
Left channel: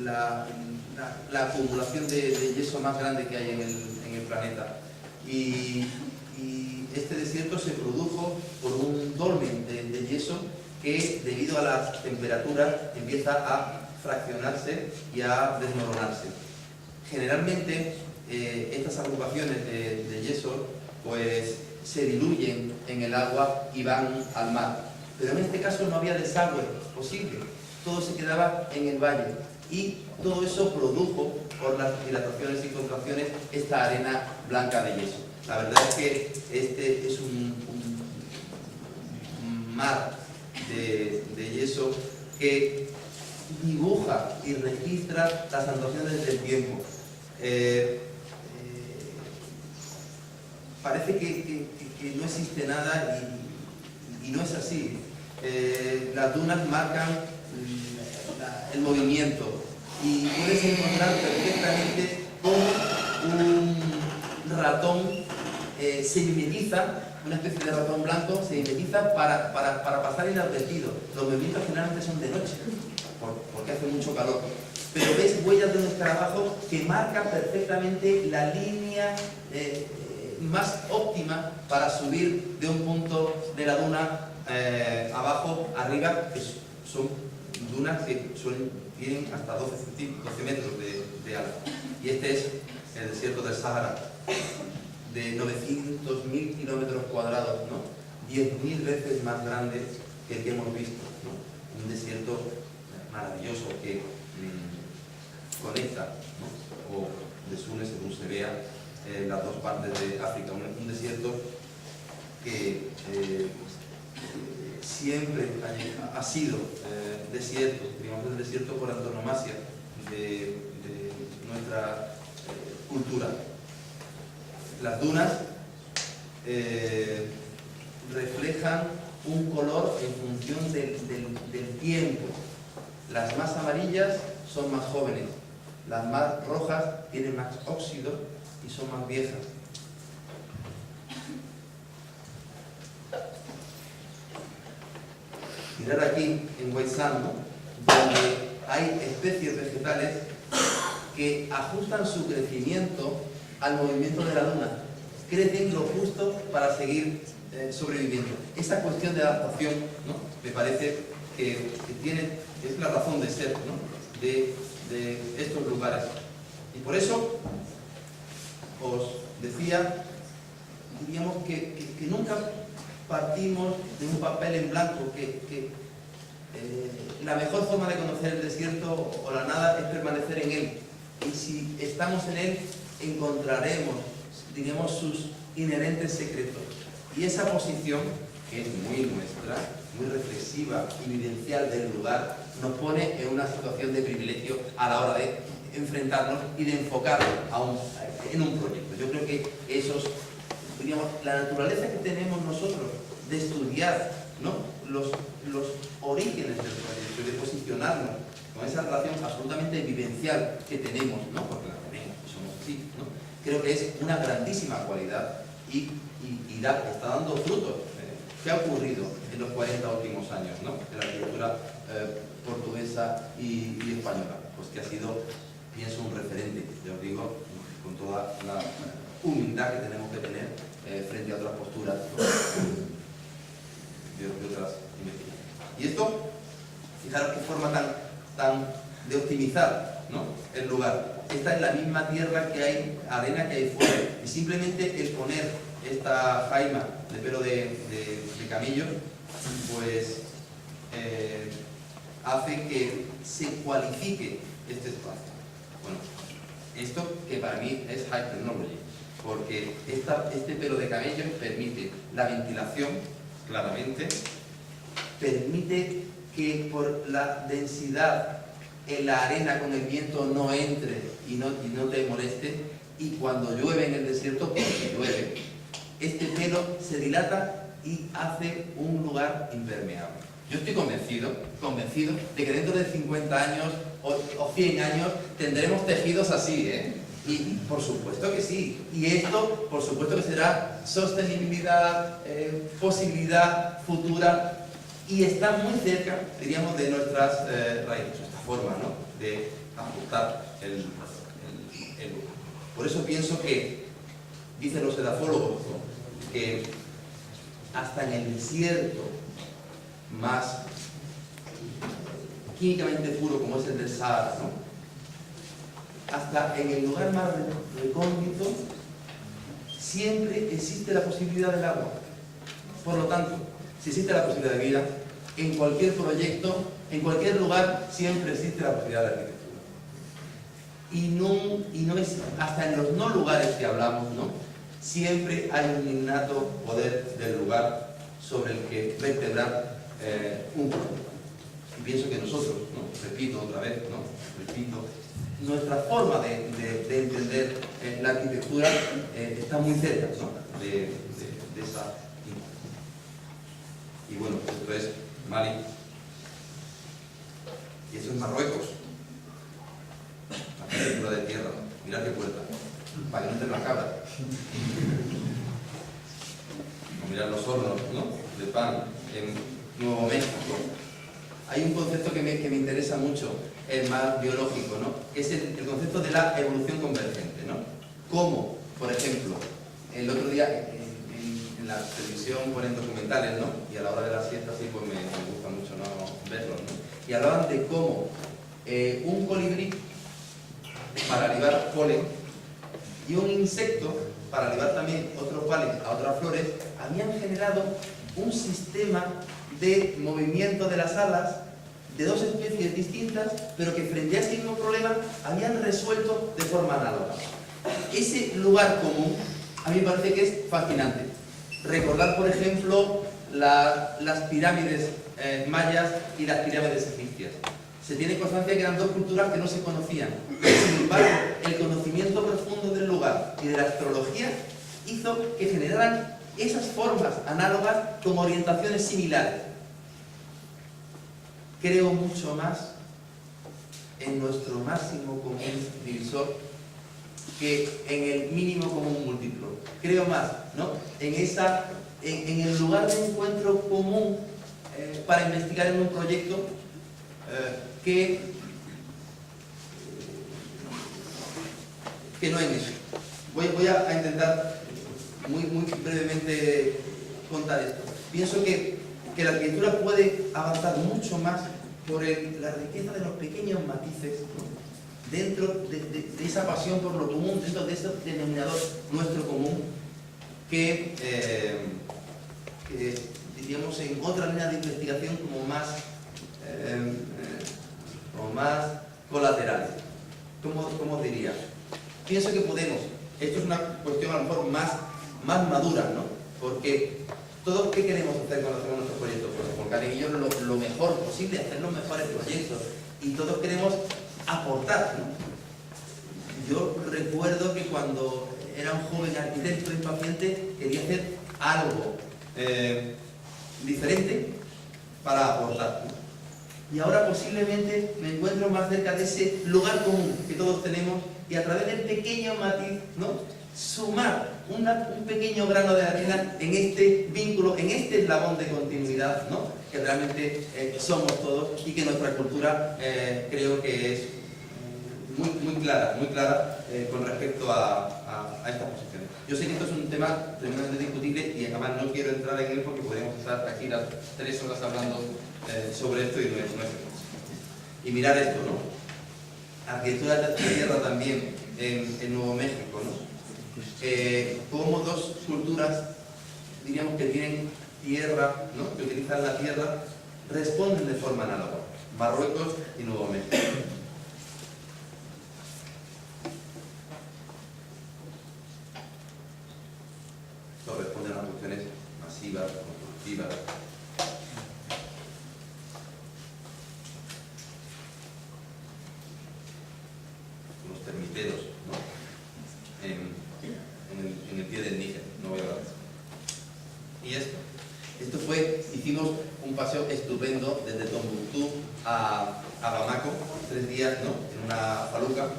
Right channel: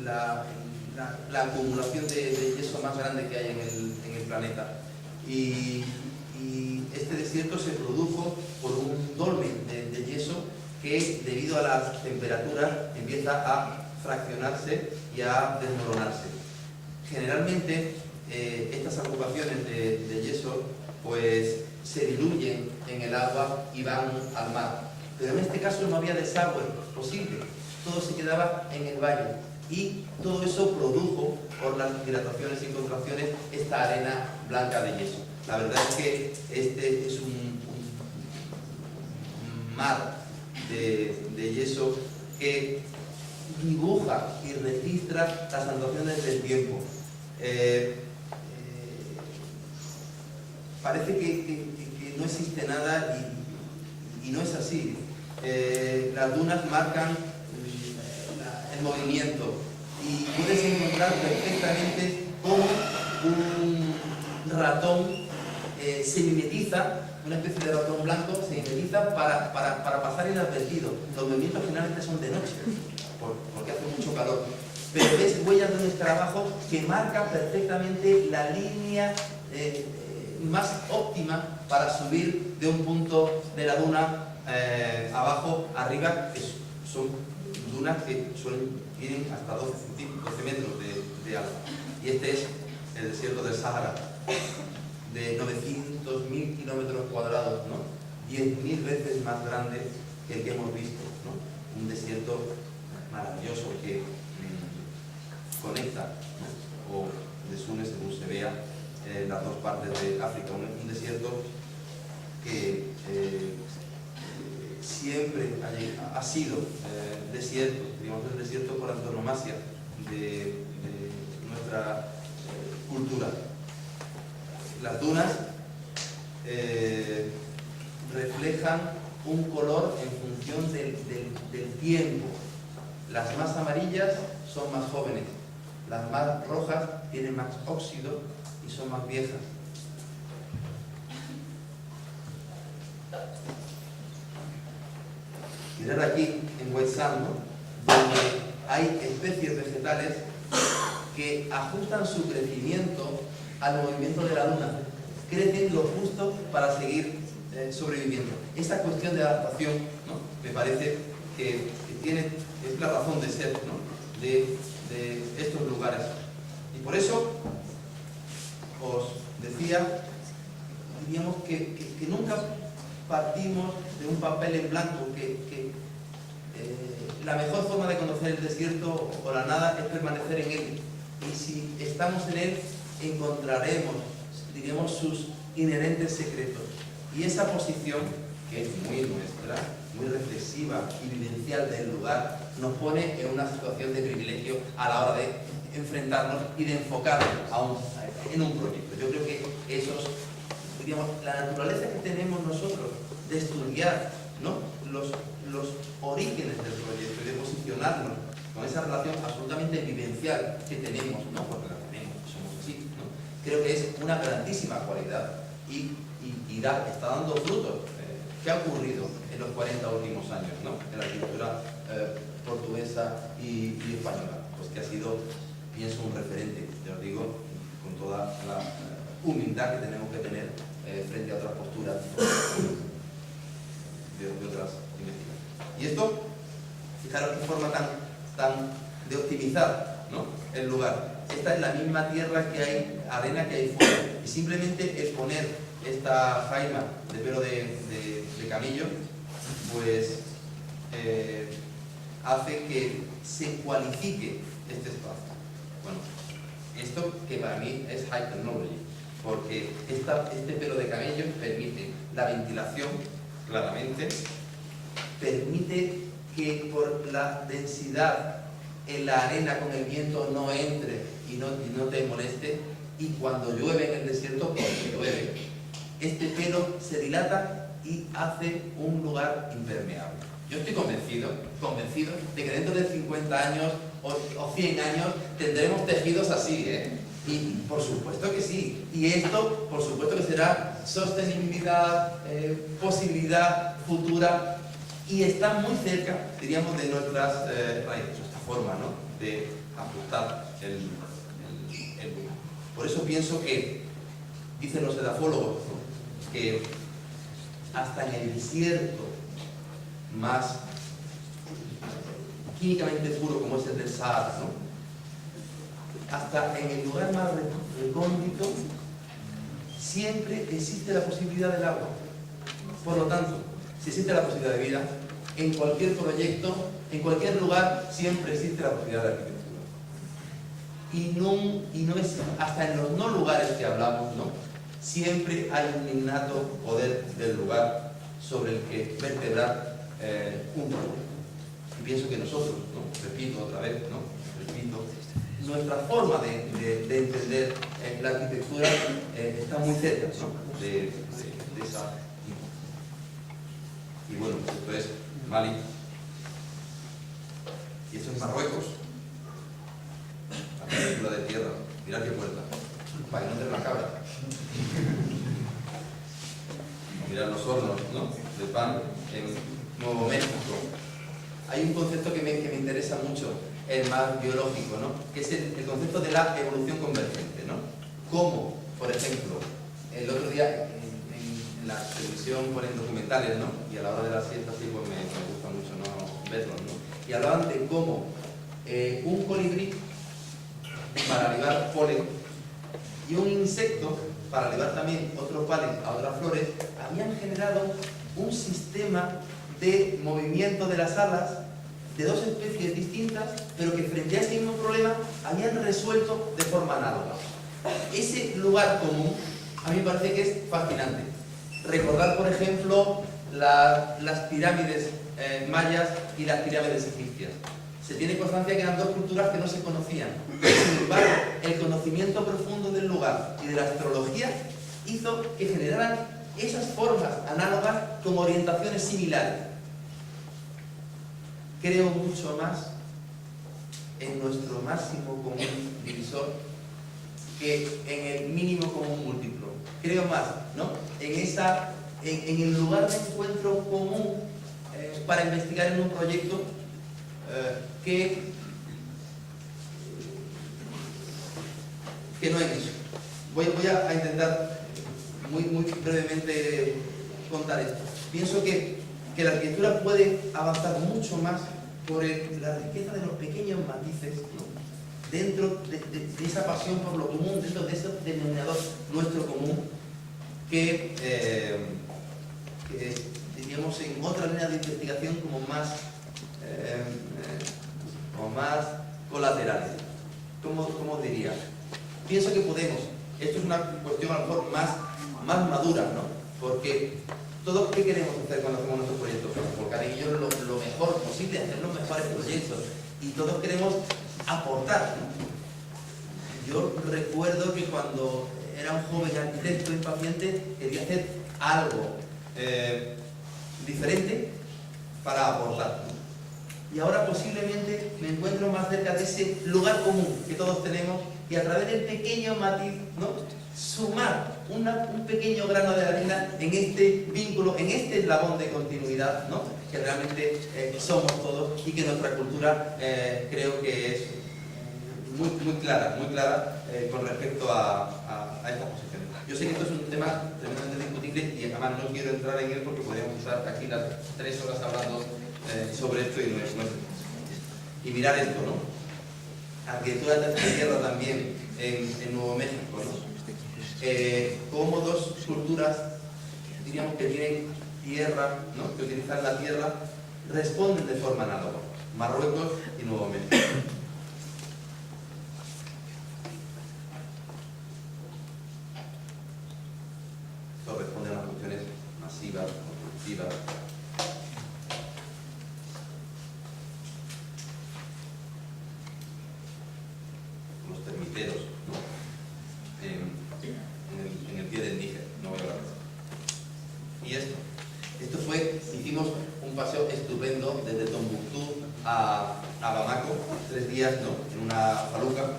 la acumulación de yeso más grande que hay en el planeta. Y este desierto se produjo por un dolmen de yeso que, debido a las temperaturas, empieza a fraccionarse y a desmoronarse. Generalmente, estas agrupaciones de yeso pues se diluyen en el agua y van al mar. Pero en este caso no había desagüe posible, todo se quedaba en el valle y todo eso produjo, por las dilataciones y contracciones, esta arena blanca de yeso. La verdad es que este es un mar de yeso que dibuja y registra las anotaciones del tiempo. Parece que no existe nada y no es así. Las dunas marcan el movimiento y puedes encontrar perfectamente cómo un ratón se mimetiza, una especie de ratón blanco se mimetiza para pasar inadvertido. Los movimientos generalmente son de noche, porque hace mucho calor. Pero ves huellas de un escarabajo que marca perfectamente la línea más óptima para subir de un punto de la duna abajo, arriba, que son dunas que tienen hasta 12 metros de alto. Y este es el desierto del Sahara, de 900.000 kilómetros cuadrados, ¿no? 10.000 veces más grande que el que hemos visto, ¿no? Un desierto maravilloso que conecta, ¿no? O desune, según se vea, las dos partes de África. Un desierto que siempre ha sido desierto, digamos, el desierto por antonomasia de nuestra cultura. Las dunas reflejan un color en función del tiempo. Las más amarillas son más jóvenes, las más rojas tienen más óxido y son más viejas. Mirad aquí en White Sand, ¿no? Donde hay especies vegetales que ajustan su crecimiento al movimiento de la duna. Crecen lo justo para seguir sobreviviendo. Esa cuestión de adaptación, ¿no? Me parece que es la razón de ser, ¿no? de estos lugares. Y por eso os decía, diríamos que nunca partimos de un papel en blanco, que la mejor forma de conocer el desierto o la nada es permanecer en él. Y si estamos en él, encontraremos, diríamos, sus inherentes secretos. Y esa posición, que es muy nuestra, muy reflexiva y vivencial del lugar, nos pone en una situación de privilegio a la hora de enfrentarnos y de enfocarnos en un proyecto. Yo creo que digamos, la naturaleza que tenemos nosotros de estudiar, ¿no? los orígenes del proyecto y de posicionarnos con esa relación absolutamente vivencial que tenemos, ¿no? Porque la tenemos, somos así, ¿no? creo que es una grandísima cualidad y está dando frutos. ¿Qué ha ocurrido en los 40 últimos años, ¿no?, en la arquitectura portuguesa y española? Pues que ha sido, pienso, un referente, ya os digo, con toda la humildad que tenemos que tener frente a otras posturas, ¿no?, de otras investigaciones. Y esto, fijaros qué forma tan de optimizar, ¿no?, el lugar. Esta es la misma tierra que hay, arena que hay fuera, y simplemente el poner esta jaima de pelo de camello, pues hace que se cualifique este espacio. Bueno, esto que para mí es high technology, porque este pelo de camello permite la ventilación, claramente, permite que por la densidad en la arena con el viento no entre y no te moleste, y cuando llueve en el desierto, porque llueve, este pelo se dilata y hace un lugar impermeable. Yo estoy convencido de que dentro de 50 años o 100 años tendremos tejidos así, ¿eh? Y por supuesto que sí. Y esto, por supuesto que será sostenibilidad, posibilidad futura, y está muy cerca, diríamos, de nuestras raíces, esta forma, ¿no?, de ajustar el lugar. Por eso pienso que, dicen los edafólogos, ¿no?, que hasta en el desierto más químicamente puro como es el del Sahara, ¿no?, hasta en el lugar más recóndito siempre existe la posibilidad del agua. Por lo tanto, si existe la posibilidad de vida, en cualquier proyecto, en cualquier lugar, siempre existe la posibilidad de arquitectura. Y no es hasta en los no lugares que hablamos, ¿no?, siempre hay un innato poder del lugar sobre el que vertebrar un proyecto. Y pienso que nosotros, ¿no?, repito otra vez, ¿no?, nuestra forma de entender la arquitectura está muy cerca, ¿no?, de esa. Y bueno, esto es Mali y esto es Marruecos. La arquitectura de tierra, mirad qué puerta, para que no entren las cabras. O mirad los hornos, ¿no?, de pan en Nuevo México. Hay un concepto que me interesa mucho, el más biológico, ¿no?, que es el concepto de la evolución convergente, ¿no? Como, por ejemplo, el otro día en la televisión ponen documentales, ¿no?, y a la hora de la siesta sí, pues me gusta mucho, ¿no?, verlos, ¿no?, y hablaban de cómo un colibrí para libar polen y un insecto para libar también otros polen a otras flores habían generado un sistema de movimiento de las alas de dos especies distintas, pero que frente a ese mismo problema habían resuelto de forma análoga. Ese lugar común a mí me parece que es fascinante. Recordar, por ejemplo, las pirámides mayas y las pirámides egipcias. Se tiene constancia que eran dos culturas que no se conocían. Sin embargo, el conocimiento profundo del lugar y de la astrología hizo que generaran esas formas análogas con orientaciones similares. Creo mucho más en nuestro máximo común divisor que en el mínimo común múltiplo. Creo más, ¿no?, en el lugar de encuentro común para investigar en un proyecto que no en eso. Voy a intentar muy brevemente contar esto. Pienso que la arquitectura puede avanzar mucho más por la riqueza de los pequeños matices, ¿no?, dentro de esa pasión por lo común, dentro de ese denominador nuestro común, que diríamos en otra línea de investigación como más colaterales. ¿Cómo diría? Pienso que podemos, esto es una cuestión a lo mejor más madura, ¿no?, porque todos, ¿qué queremos hacer cuando hacemos nuestros proyectos? Pues volcar en ellos lo mejor posible, hacer los mejores proyectos, y todos queremos aportar, ¿no? Yo recuerdo que cuando era un joven arquitecto impaciente quería hacer algo diferente para aportar, ¿no? y ahora posiblemente me encuentro más cerca de ese lugar común que todos tenemos y a través del pequeño matiz, ¿no?, sumar un pequeño grano de arena en este vínculo, en este eslabón de continuidad, ¿no?, que realmente somos todos y que nuestra cultura creo que es muy clara con respecto a estas posiciones. Yo sé que esto es un tema tremendamente discutible y además no quiero entrar en él porque podríamos estar aquí las 3 horas hablando sobre esto y no es el caso. Y mirar esto, ¿no? Arquitectura de tierra también en Nuevo México, ¿no? Como dos culturas, diríamos que tienen tierra, ¿no?, que utilizan la tierra, responden de forma análoga. Marruecos y Nuevo México. Esto responde a unas cuestiones masivas, constructivas. Los termiteros, ¿no?, en el pie del Níger, no voy a hablar de eso. Y esto fue, hicimos un paseo estupendo desde Tombuctú a Bamako, 3 días, ¿no?, en una faluca,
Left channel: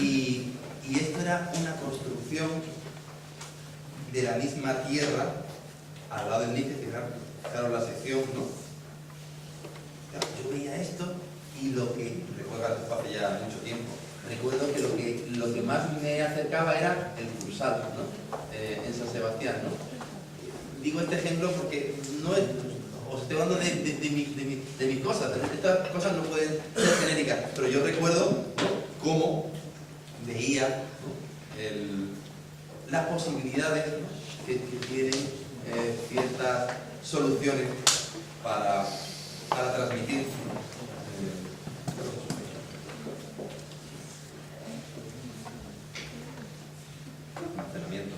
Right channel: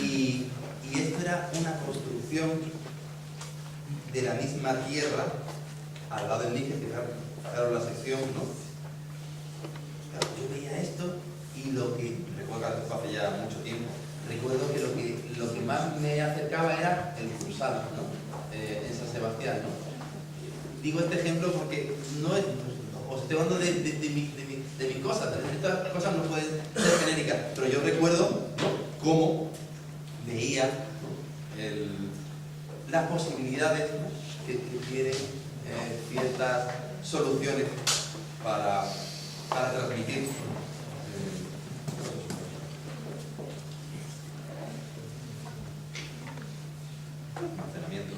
y esto era una construcción de la misma tierra al lado del Níger, fijaros la sección, ¿no? Claro, yo veía esto y recuerdo que esto hace ya mucho tiempo, recuerdo que lo que más me acercaba era el Cursal, ¿no?, en San Sebastián, ¿no? Digo este ejemplo porque no es, os estoy hablando de mis cosas, estas cosas no pueden ser genéricas, pero yo recuerdo, ¿no?, cómo veía, ¿no?, las posibilidades, ¿no?, que tienen ciertas soluciones para transmitir almacenamiento.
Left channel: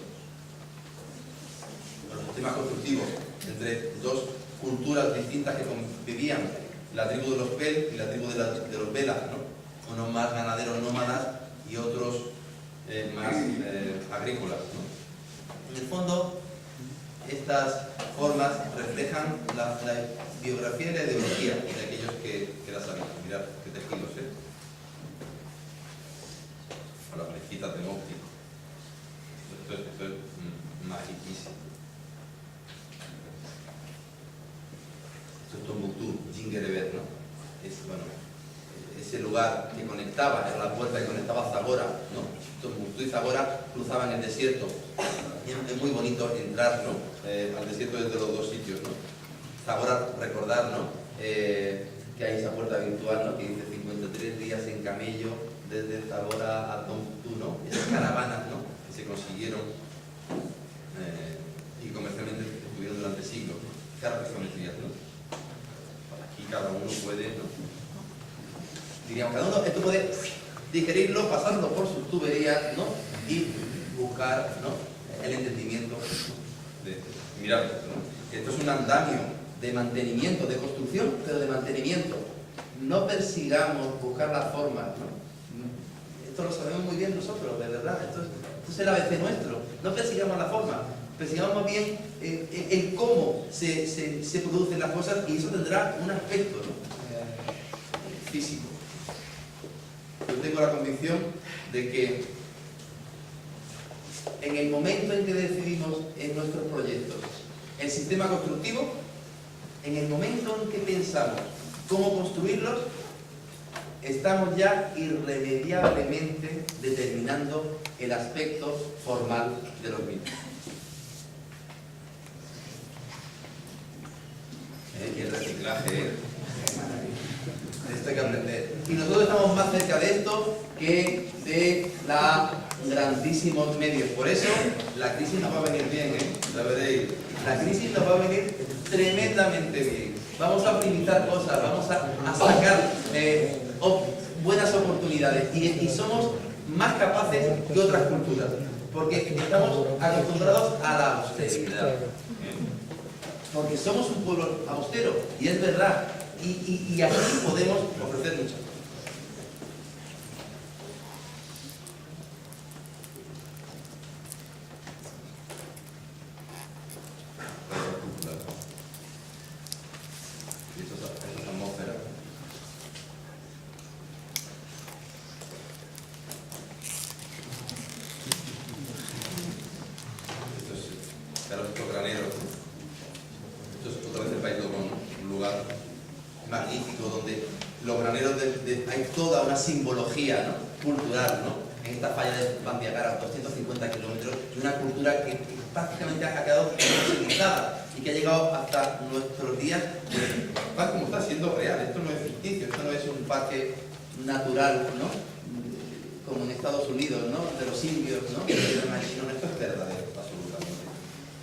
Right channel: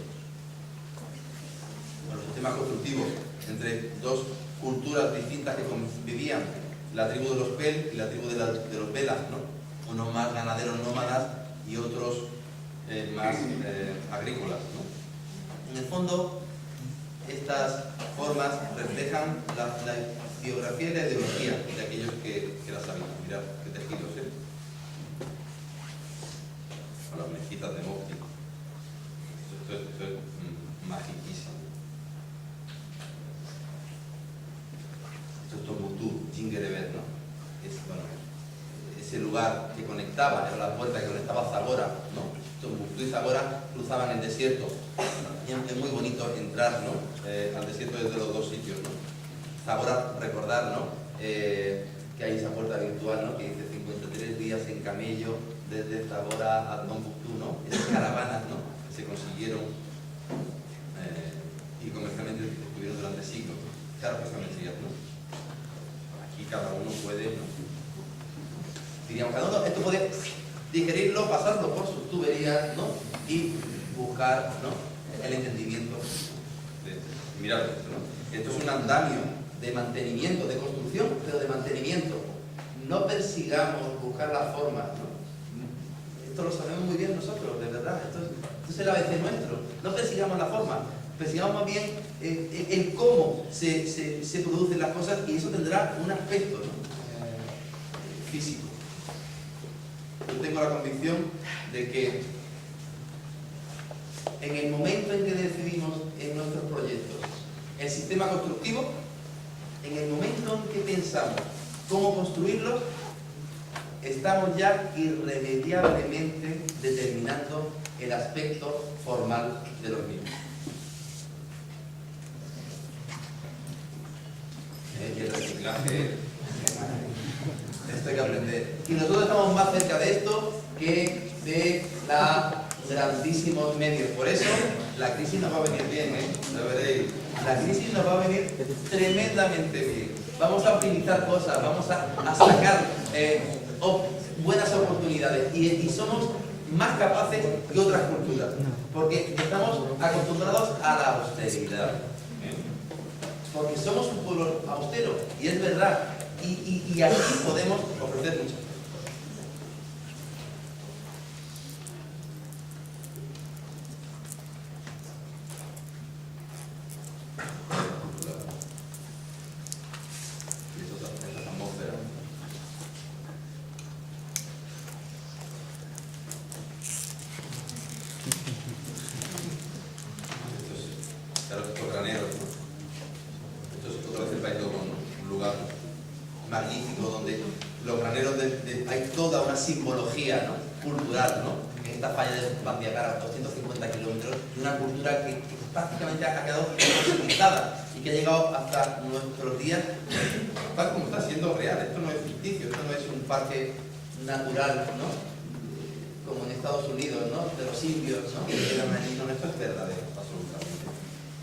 Los sistemas constructivos entre dos culturas distintas que convivían, la tribu de los Pel y la tribu de los Velas, ¿no?, unos más ganaderos nómadas y otros más agrícolas, ¿no? En el fondo, estas formas reflejan la biografía y la ideología de aquellos que las habitan. Mirad qué tejidos, o las mezquitas de Mopti. Esto es magiquísimo. Esto es Tombuctú, Jinguereber, ¿no? Es, bueno, ese lugar que conectaba, era la puerta que conectaba a Zagora, ¿no? Tombuctú y Zagora cruzaban el desierto. Y es muy bonito entrar, ¿no?, al desierto desde los dos sitios, ¿no? Zagora, recordar, ¿no?, que hay esa puerta virtual, ¿no?, que dice 53 días en camello desde Zagora a Tombuctú, ¿no? Esas caravanas, ¿no?, que se consiguieron y comercialmente estuvieron durante siglos. Claro que son geometrías, ¿no? Aquí cada uno puede, ¿no?, diríamos, cada uno esto puede digerirlo, pasarlo por sus tuberías, ¿no?, y buscar, ¿no?, el entendimiento de mirad esto, ¿no? Esto es un andamio de mantenimiento, de construcción, pero de mantenimiento. No persigamos buscar las formas, ¿no? Esto lo sabemos muy bien nosotros, de verdad. Esto es el ABC nuestro. No persigamos la forma, persigamos más bien el cómo se producen las cosas, y eso tendrá un aspecto, ¿no?, físico. Yo tengo la convicción de que en el momento en que decidimos en nuestros proyectos el sistema constructivo, en el momento en que pensamos cómo construirlos, estamos ya irremediablemente determinando el aspecto formal de los mismos. Y el reciclaje, esto hay que aprender. Y nosotros estamos más cerca de esto que de grandísimos medios. Por eso la crisis nos va a venir bien, lo veréis. La crisis nos va a venir tremendamente bien. Vamos a optimizar cosas, vamos a sacar buenas oportunidades, y somos más capaces que otras culturas, porque estamos acostumbrados a la austeridad. Porque somos un pueblo austero, y es verdad, y aquí podemos ofrecer mucho. Y esas atmósferas hay toda una simbología, ¿no?, cultural, ¿no?, en esta falla de Bandiagara, 250 kilómetros, y una cultura que prácticamente ha quedado fosilizada y que ha llegado hasta nuestros días, tal como está siendo real. Esto no es ficticio, esto no es un parque natural, ¿no?, como en Estados Unidos, ¿no?, de los indios, ¿no?, que quedan allí. No, esto es verdadero, absolutamente.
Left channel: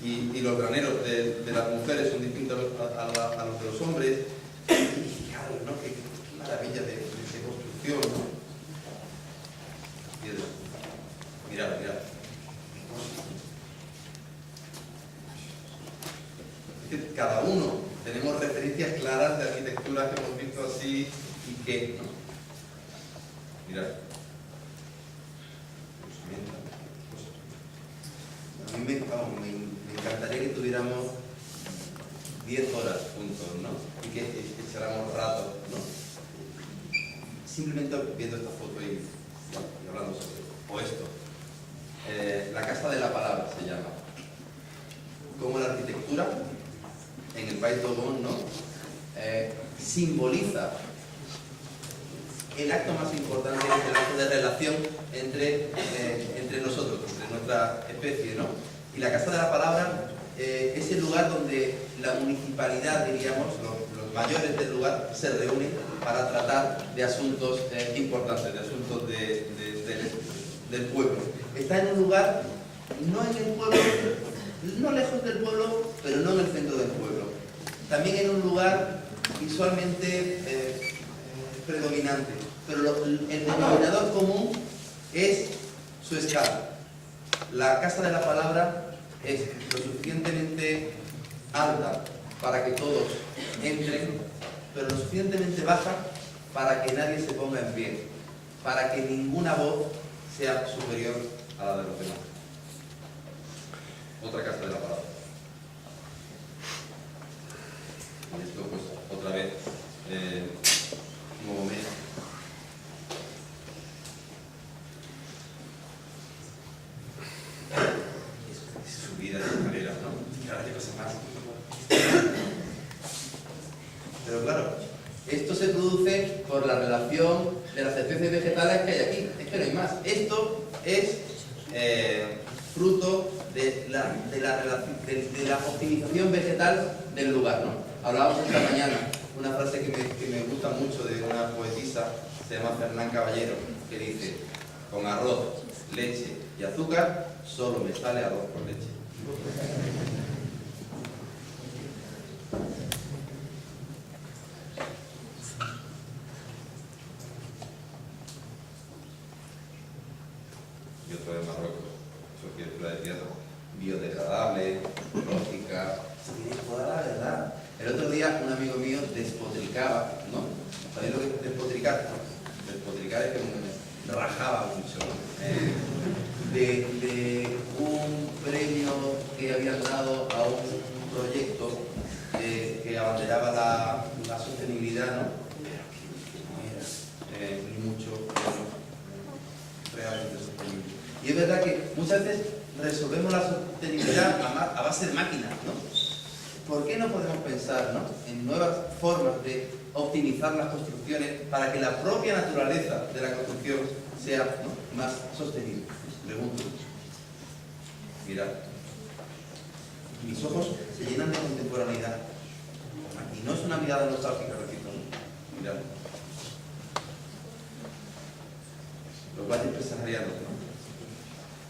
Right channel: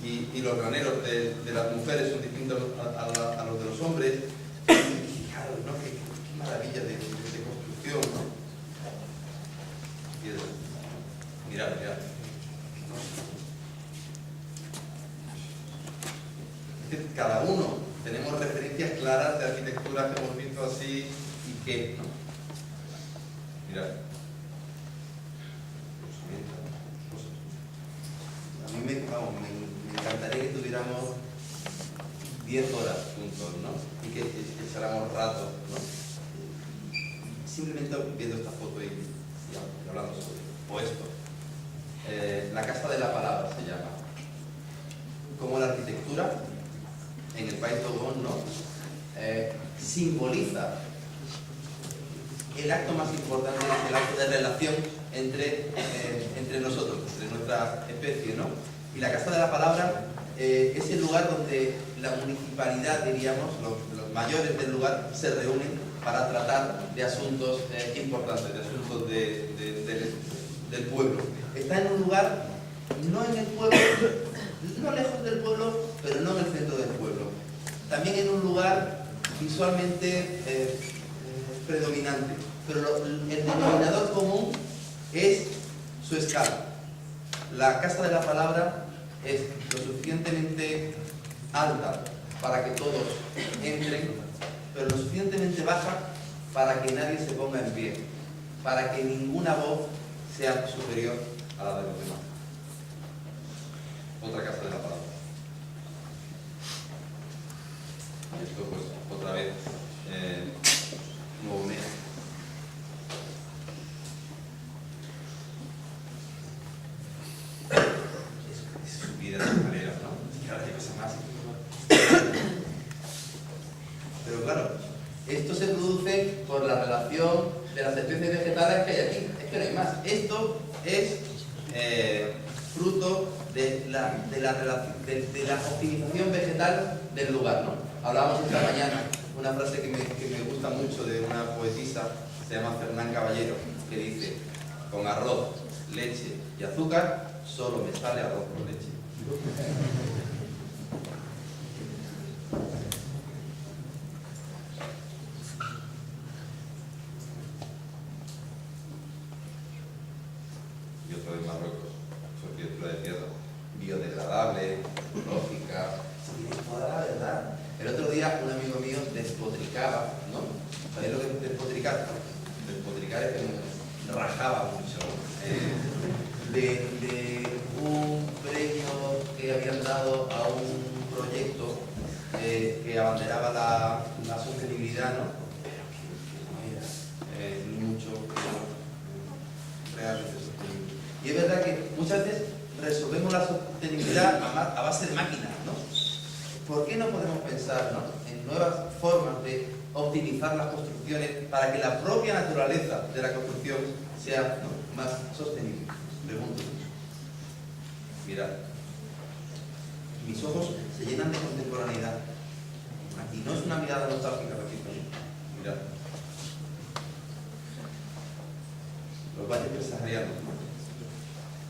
Y los graneros de las mujeres son distintos a los de los hombres. Y fijaros, ¿no?, qué maravilla de construcción, ¿no? Piedra. Mirad, mirad. Qué cosas. Es que cada uno tenemos referencias claras de arquitectura que hemos visto así y que, ¿no? Mirad. A mí me encantaría que tuviéramos 10 horas juntos, ¿no?, y que echáramos ratos, ¿no?, simplemente viendo esta foto y hablando sobre o esto. La Casa de la Palabra se llama. Como la arquitectura en el país Dogon, ¿no?, simboliza el acto más importante, que es el acto de relación entre nosotros, entre nuestra especie, ¿no? Y la Casa de la Palabra es el lugar donde la municipalidad, diríamos, los mayores del lugar, se reúnen para tratar de asuntos importantes, de asuntos del pueblo. Está en un lugar, no en el pueblo, no lejos del pueblo, pero no en el centro del pueblo. También en un lugar visualmente predominante, pero el denominador común es su escala. La Casa de la Palabra es lo suficientemente alta para que todos entren, pero lo suficientemente baja para que nadie se ponga en pie, para que ninguna voz sea superior a la de los demás. Otra Casa de la Palabra. Y esto, pues, otra vez, nuevo mes. Es subida de escaleras, ¿no? Y ahora qué cosa más. Pero claro, esto se produce por la relación de las especies vegetales que hay aquí. Es que no hay más. Esto es fruto de la optimización vegetal del lugar, ¿no? Hablábamos esta mañana una frase que me gusta mucho de una poetisa, se llama Fernán Caballero, que dice: con arroz, leche y azúcar, solo me sale arroz con leche. Y otro de Marruecos, arquitectura de tierra, biodegradable, lógica. Sí, es toda la verdad. El otro día un amigo mío despotricaba, ¿no? ¿Sabéis lo que es despotricar? Despotricar es que me rajaba mucho, ¿no? De un premio que habían dado a un proyecto que abanderaba la sostenibilidad, ¿no? Pero que no era ni mucho realmente sostenible. Y es verdad que muchas veces resolvemos la sostenibilidad a base de máquinas, ¿no? ¿Por qué no podemos pensar, ¿no?, en nuevas formas de optimizar las construcciones para que la propia naturaleza de la construcción sea, ¿no?, más sostenible? Pregunto. Mirad. Mis ojos se llenan de contemporaneidad. Aquí no es una mirada nostálgica, repito, ¿no? Mirad. Los valles presaharianos, ¿no?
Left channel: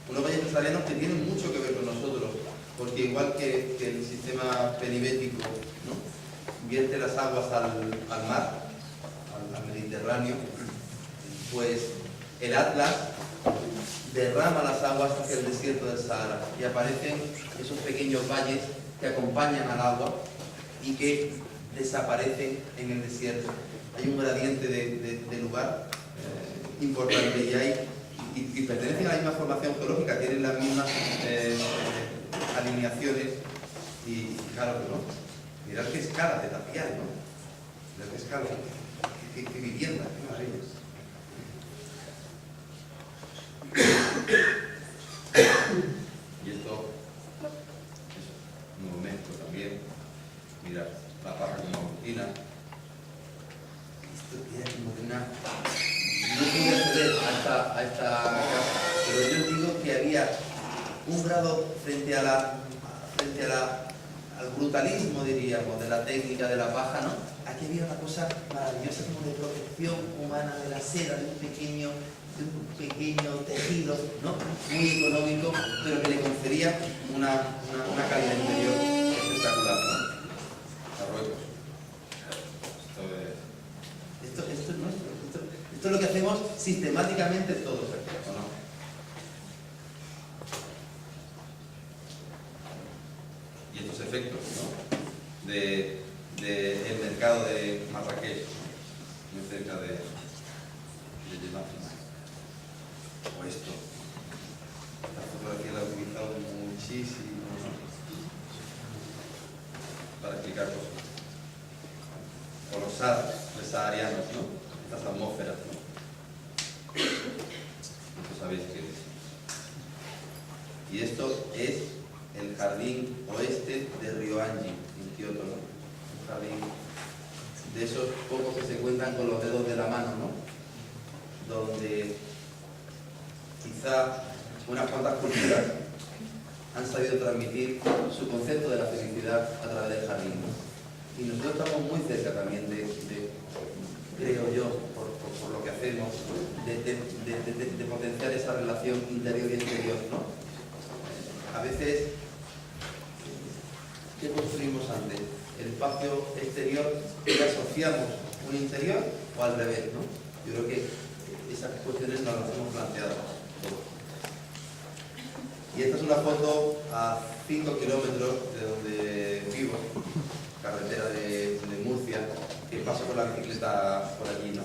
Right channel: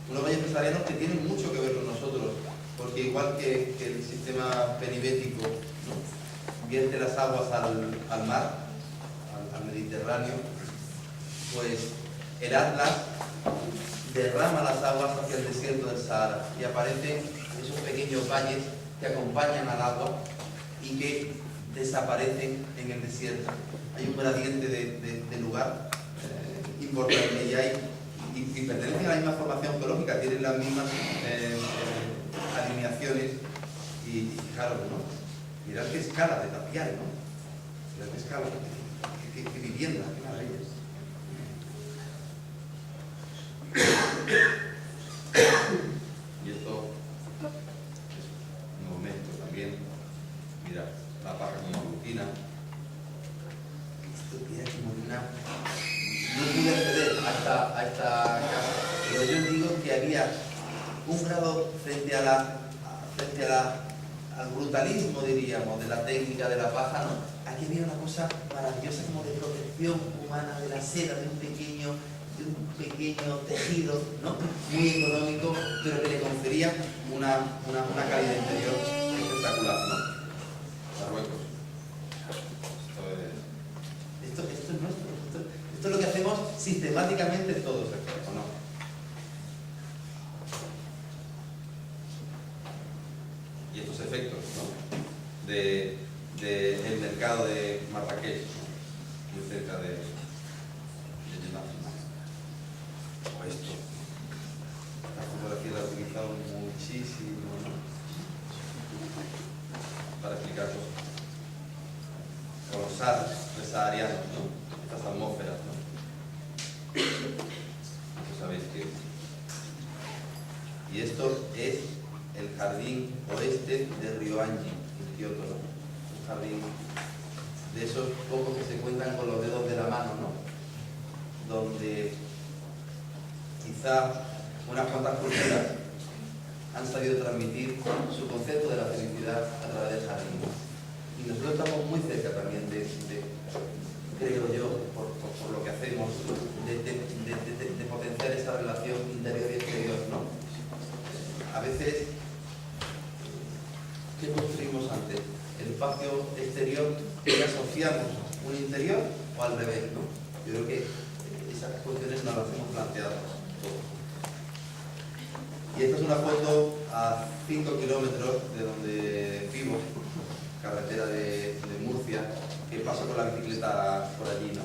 Unos valles presaharianos que tienen mucho que ver con nosotros, porque igual que el sistema penibético, ¿no?, vierte las aguas al mar, al Mediterráneo, pues el Atlas derrama las aguas hacia el desierto del Sahara y aparecen esos pequeños valles que acompañan al agua y que desaparecen en el desierto. Hay un gradiente de lugar importante y pertenecen a la misma formación geológica, tienen las mismas alineaciones y fijaros, ¿no? Mirad qué escala de tapial, ¿no? Mirad qué escala, qué vivienda, qué maravillas. Y esto es un momento también. Mirad, la paja como rutina. Esto tiene como una a esta casa, pero yo digo que había un grado frente al brutalismo, diríamos, de la técnica de la paja, ¿no? Aquí había una cosa maravillosa como de protección humana de la seda, de un pequeño tejido, ¿no? Muy económico, pero que le confería una calidad interior espectacular, ¿no? Marruecos. Esto es nuestro. Esto es lo que hacemos sistemáticamente todos aquí, ¿o no? Y estos efectos, ¿no? del mercado de Marrakech, ¿no? Muy cerca de Jeddah. O esto. Esta fotografía la he utilizado muchísimo, ¿no? Para explicar cosas. O los saharianos, ¿no? Estas atmósferas, ¿no? Esto sabéis qué es. Y esto es el jardín oeste de Ryoanji, en Kioto, ¿no? Un jardín de esos pocos que se cuentan con los dedos de la mano, ¿no? Donde quizá unas cuantas culturas han sabido transmitir su concepto de la felicidad a través del jardín, ¿no? Y nosotros estamos muy cerca también de creo yo, por lo que hacemos, de potenciar esa relación interior y exterior, ¿no? A veces, ¿qué construimos antes? ¿El espacio exterior que asociamos un interior o al revés, ¿no? Yo creo que esas cuestiones nos las hemos planteado todos. Y esta es una foto a 5 kilómetros de donde vivo, carretera de Murcia, que paso con la bicicleta por allí, ¿no?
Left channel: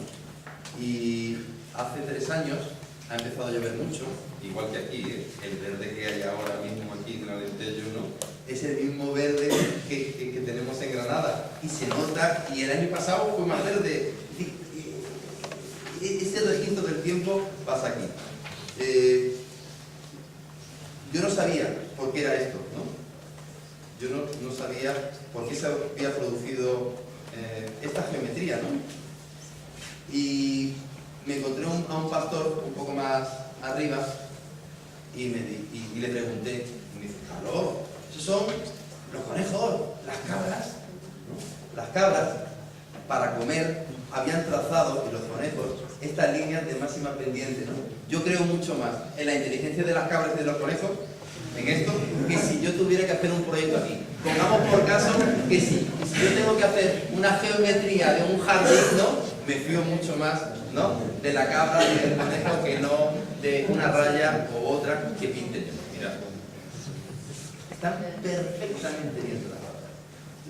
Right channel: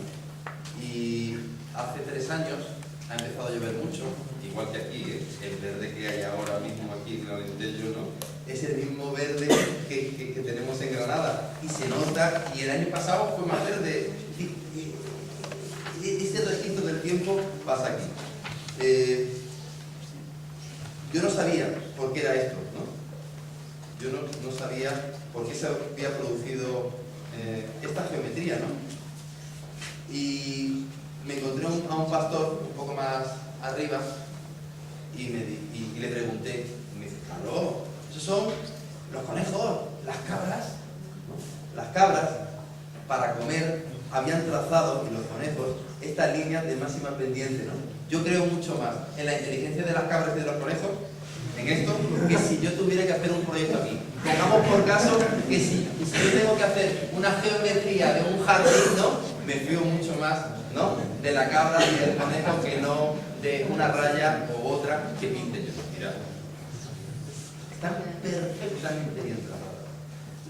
Y hace 3 años ha empezado a llover mucho, igual que aquí, ¿eh? El verde que hay ahora mismo aquí en Alentejo, ¿no? Es el mismo verde que tenemos en Granada, y se nota, y el año pasado fue más verde. Ese registro del tiempo pasa aquí. Yo no sabía por qué era esto, ¿no? Yo no sabía por qué se había producido esta geometría, ¿no? Y me encontré a un pastor un poco más arriba y le pregunté, y me dice, claro, esos son los conejos, las cabras, ¿no? Las cabras, para comer, habían trazado, y los conejos, estas líneas de máxima pendiente, ¿no? Yo creo mucho más en la inteligencia de las cabras y de los conejos, en esto, que si yo tuviera que hacer un proyecto aquí. Pongamos por caso que si yo tengo que hacer una geometría de un jardín, ¿no? Me fío mucho más, ¿no? De la cabra y del conejo que no de una raya u otra que pinte yo. Mirad. Están perfectamente bien trazadas.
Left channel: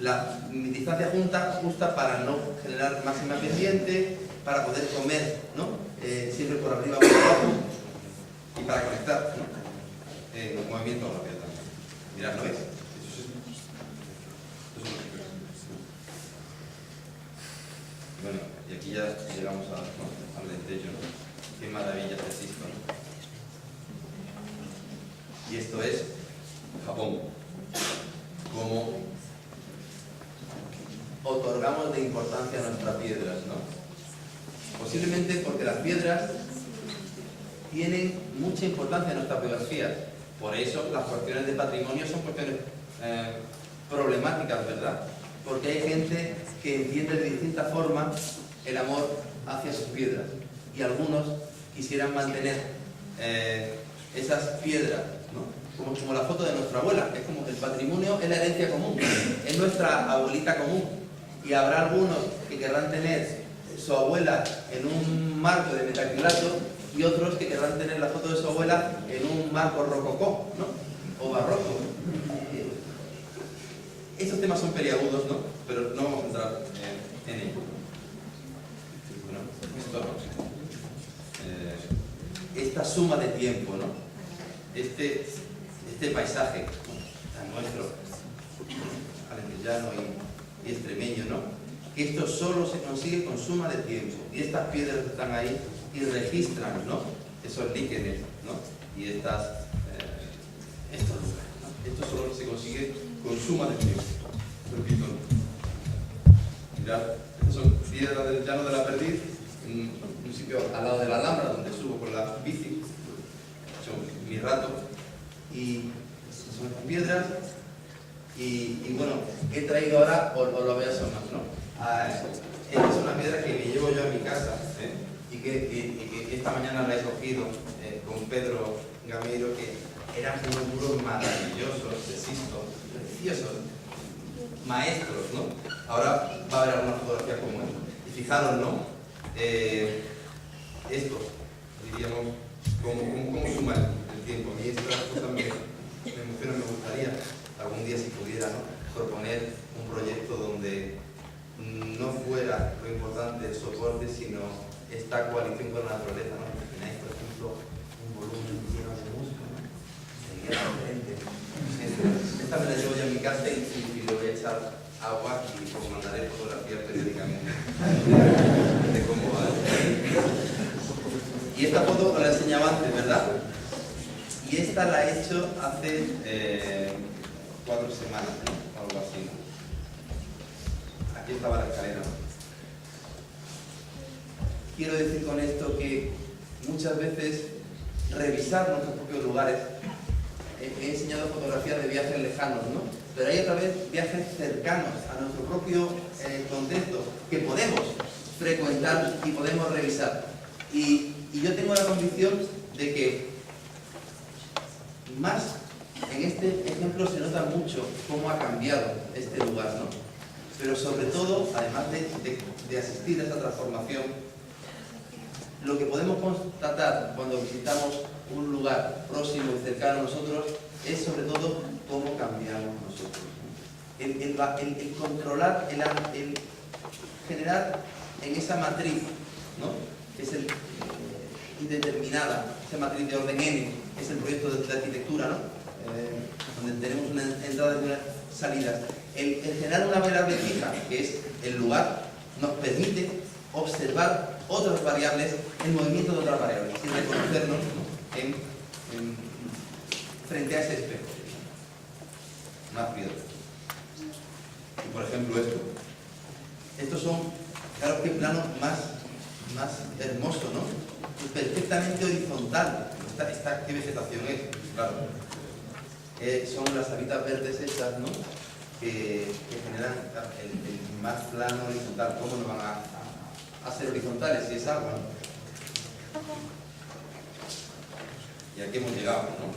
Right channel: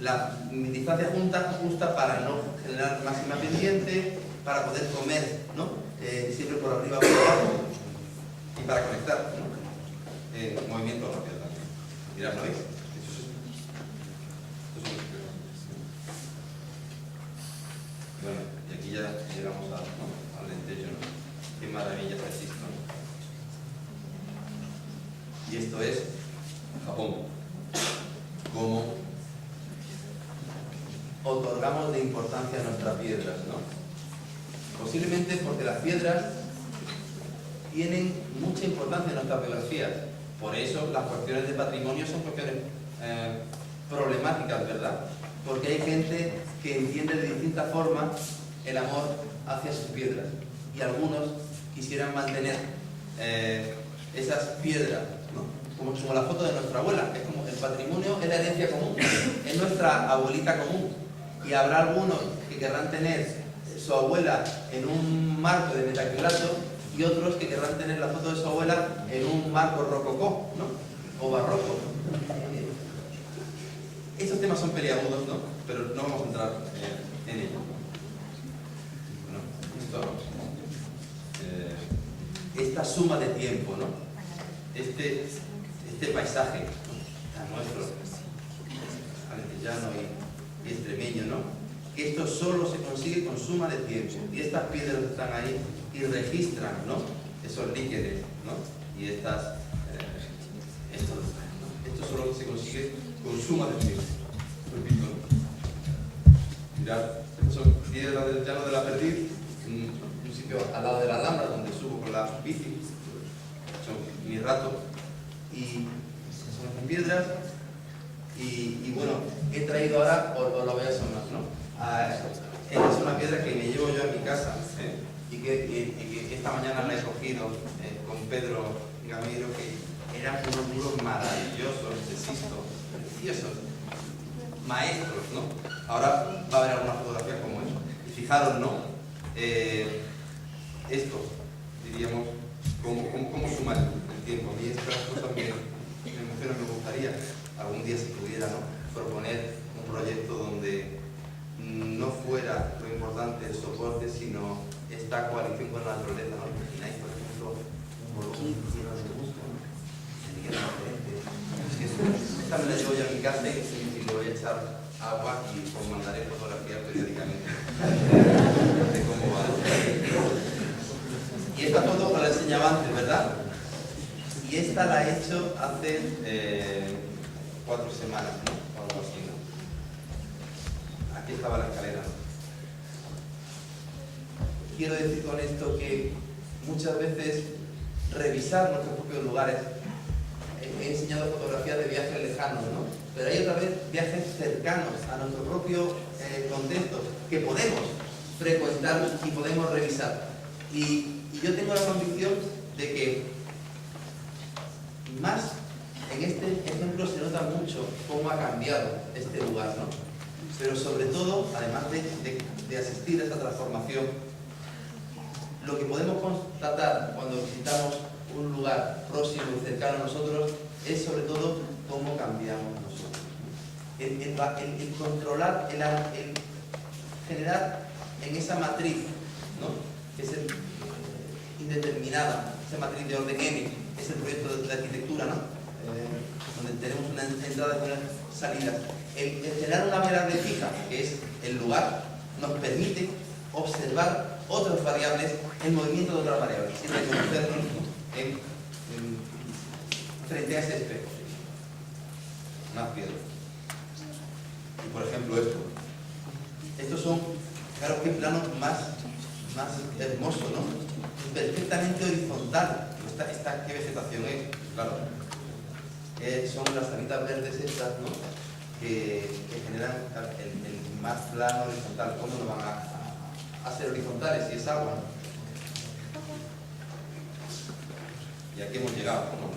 La distancia justa para no generar máxima pendiente, para poder comer, ¿no? Siempre por arriba o por abajo, y para conectar, ¿no? Movimiento rápido también. Mirad, ¿no veis? Bueno, y aquí ya llegamos al Alentejo, ¿no? Qué maravillas existen, ¿no? Y esto es Japón. Cómo otorgamos de importancia a nuestras piedras, ¿no? Posiblemente porque las piedras tienen mucha importancia en nuestras biografías. Por eso las cuestiones de patrimonio son cuestiones problemáticas, ¿verdad? Porque hay gente que entiende de distintas formas el amor hacia sus piedras. Y algunos quisieran mantener esas piedras, ¿no? Como la foto de nuestra abuela. Es como el patrimonio es la herencia común, es nuestra abuelita común. Y habrá algunos que querrán tener su abuela en un marco de metacrilato y otros que querrán tener la foto de su abuela en un marco rococó, ¿no? O barroco. Estos temas son peliagudos, ¿no? Pero no vamos a entrar en ello. Bueno, esto, esta suma de tiempo, ¿no? Este paisaje, ¿no? Tan nuestro, alentejano y extremeño, ¿no? Esto solo se consigue con suma de tiempo. Y estas piedras están ahí y registran, ¿no? Esos líquenes, ¿no? Y estos lugares, ¿no? Esto solo se consigue con suma de tiempo. Repito, ¿no? Mirad, estas son piedras del llano de la Perdiz, un sitio al lado de la Alhambra donde subo con la bici, he hecho mi rato, y esas son las piedras. Y bueno, he traído ahora, os lo voy a asomar, ¿no? Esta es una piedra que me llevo yo a mi casa, y que esta mañana la he cogido con Pedro Gameiro, que eran unos muros maravillosos de Sisto, preciosos, maestros, ¿no? Ahora va a haber alguna fotografía como esta. Y fijaros, ¿no? Esto, diríamos, cómo suma el tiempo. A mí estas cosas me emocionan, me gustaría algún día, si pudiera, ¿no?, proponer un proyecto donde no fuera lo importante el soporte, sino esta coalición con la naturaleza, ¿no? ¿Imagináis, por ejemplo, un volumen lleno de musgo, ¿no? Sería diferente. Esta me la llevo ya a mi casa y le voy a echar agua y os mandaré fotografías periódicamente de cómo va. Y esta foto os la enseñaba antes, ¿verdad? Y esta la he hecho hace 4 semanas, ¿no? Algo así, ¿no? Aquí estaba la escalera, ¿no? Quiero decir con esto que muchas veces revisar nuestros propios lugares, he enseñado fotografías de viajes lejanos, ¿no? Pero hay otra vez viajes cercanos a nuestro propio contexto que podemos frecuentar y podemos revisar. Y yo tengo la convicción de que más en este ejemplo se nota mucho cómo ha cambiado este lugar, ¿no? Pero sobre todo, además de asistir a esa transformación, lo que podemos constatar cuando visitamos un lugar próximo y cercano a nosotros es sobre todo cómo cambiamos nosotros, ¿no? El controlar, el generar en esa matriz, ¿no?, que es indeterminada, esa matriz de orden N, es el proyecto de arquitectura, ¿no? Donde tenemos una entrada y unas salidas. El generar una variable fija, que es el lugar, nos permite observar otras variables, el movimiento de otras variables, y reconocernos, ¿no?, frente a ese espejo. Más piedras. Y por ejemplo esto. Estos son, claro, qué plano más hermoso, ¿no? Perfectamente horizontal. ¿Qué vegetación es? Claro. Son las habitas verdes estas, ¿no?, que generan el más plano horizontal. ¿Cómo no van a ser horizontales si es agua, ¿no? Y aquí hemos llegado, ¿no?,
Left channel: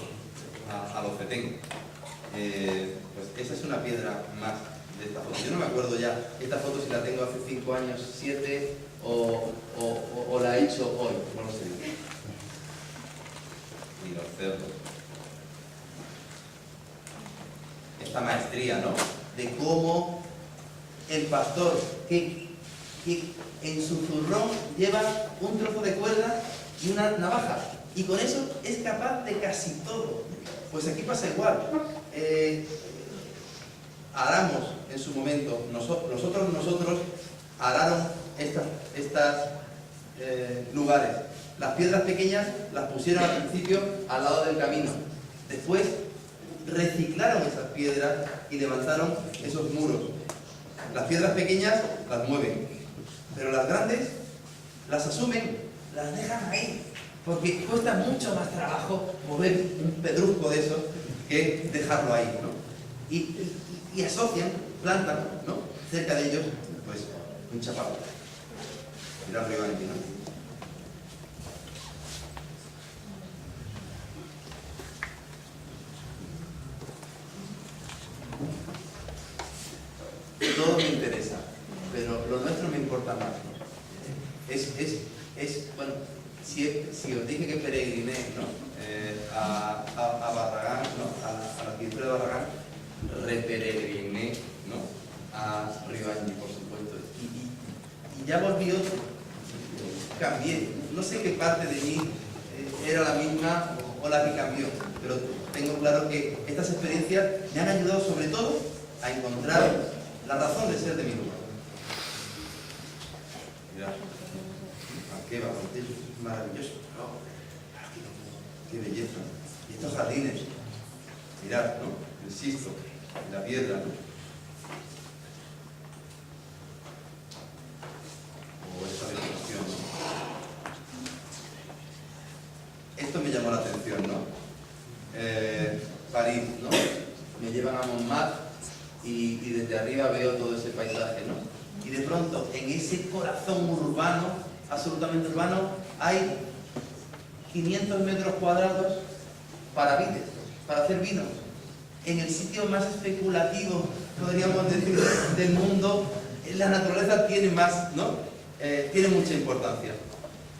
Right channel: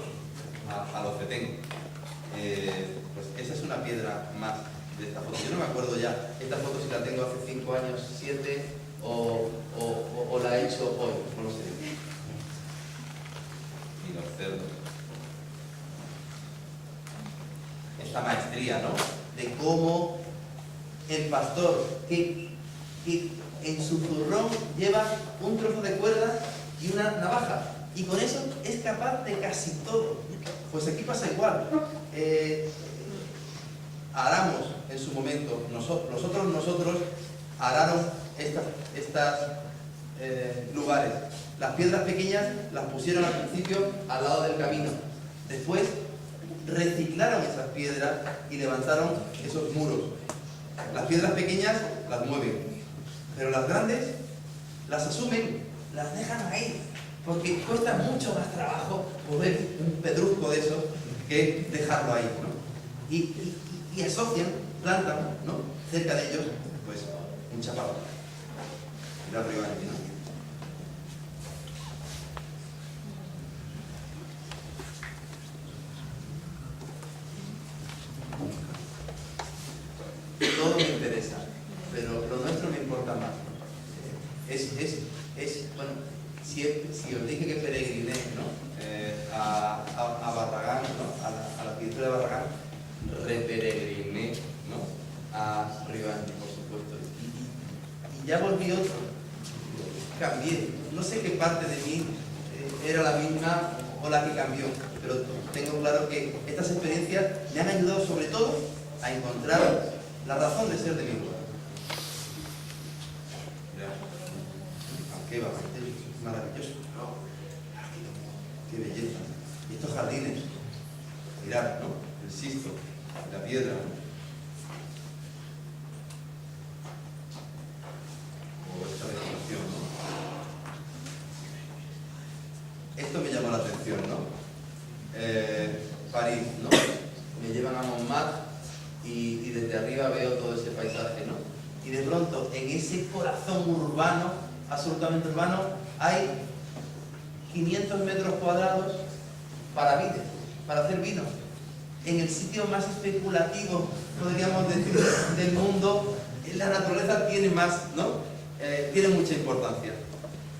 a los Petén. Pues esa es una piedra más de esta foto. Yo no me acuerdo ya esta foto si la tengo hace 5 años, 7 o la he hecho hoy, no lo sé. Y los cerdos. Esta maestría, ¿no?, de cómo el pastor que en su zurrón lleva un trozo de cuerda y una navaja, y con eso es capaz de casi todo. Pues aquí pasa igual. Aramos en su momento, nosotros araron estos lugares. Las piedras pequeñas las pusieron al principio al lado del camino. Después reciclaron esas piedras y levantaron esos muros. Las piedras pequeñas las mueven, pero las grandes las asumen, las dejan ahí, porque cuesta mucho más trabajo mover un pedrusco de esos que dejarlo ahí, ¿no? Y asocian, plantan, ¿no?, cerca de ellos, pues, un chaparro. Mira arriba aquí, ¿no? Todo me interesa, pero lo nuestro me importa más, ¿no? Bueno, si os dije que peregriné, ¿no?, a Barragán, ¿no?, a la arquitectura de Barragán, reperegriné, ¿no?, a Río Anchi, por supuesto, y ya volví otro, cambié. No sé qué parte de mí era la misma o la que cambió, pero tengo claro que estas experiencias me han ayudado sobre todo a encontrar la razón de ser de mi lugar. Mirad, qué bastante, es maravilloso. Qué belleza. Y estos jardines, mirad, ¿no?, el Sisto, la piedra, ¿no? O esta vegetación, ¿no? esto me llamó la atención, ¿no? París, ¿no? Me llevan a Montmartre y desde arriba veo todo ese paisaje, ¿no? Y de pronto, en ese corazón urbano, absolutamente urbano, hay 500 metros cuadrados para vides, para hacer vino. En el sitio más especulativo, podríamos decir, del mundo, la naturaleza tiene más, ¿no? Tiene mucha importancia.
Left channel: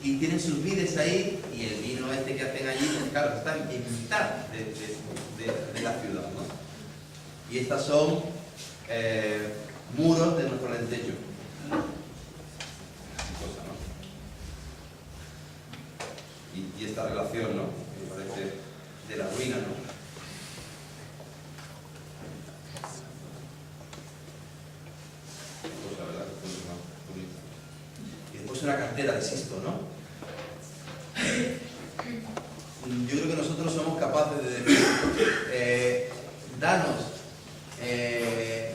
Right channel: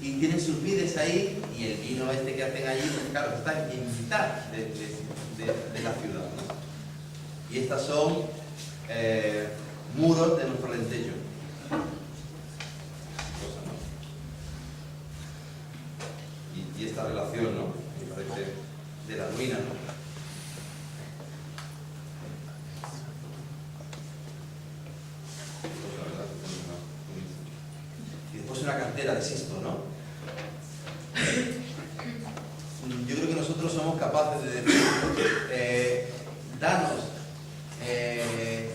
Y tienen sus vides ahí, y el vino este que hacen allí, pues claro, está en mitad de la ciudad, ¿no? Y estas son muros de nuestro Alentejo. Cosa, ¿no? Y esta relación, ¿no? Me parece de la ruina, ¿no? Cosa, ¿verdad? Y después una cantera de Sisto, ¿no? Yo creo que nosotros somos capaces de decir, danos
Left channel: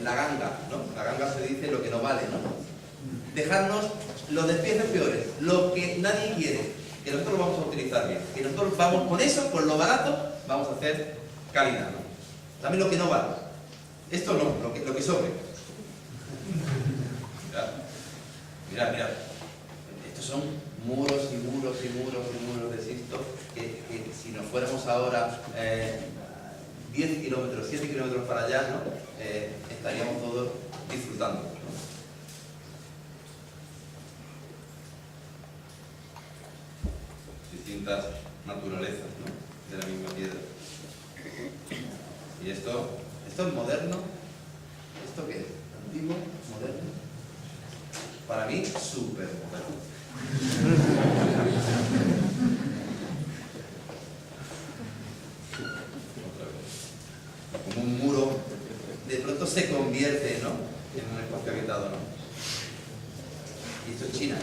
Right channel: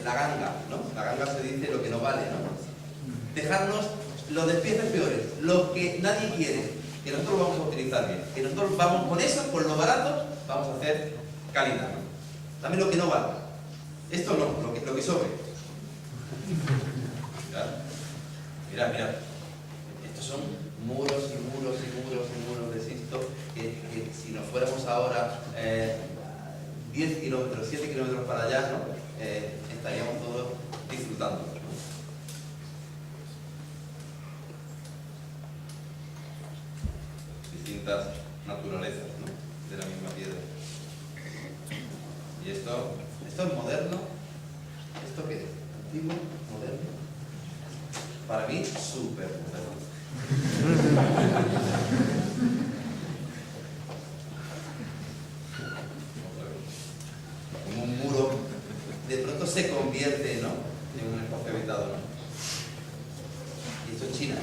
la ganga, ¿no? La ganga se dice lo que no vale, ¿no? Dejarnos los despieces peores, lo que nadie quiere, que nosotros lo vamos a utilizar bien, que nosotros vamos con eso, con lo barato, vamos a hacer calidad, ¿no? Dame lo que no vale. Esto no, lo que sobre. Mirad, mirad. Estos son muros y muros y muros y muros de Sisto que si nos fuéramos ahora 10 kilómetros, 7 kilómetros para allá, ¿no? Estaríamos todos disfrutando, ¿no? Distintas naturalezas, ¿no? De la misma piedra. Y esto es moderno. ¿Esto qué es? ¿Antiguo? ¿Moderno? Para mí, súper moderno. Como un muro de pronto se convierte, ¿no? En un espacio habitado, ¿no? Y esto es China.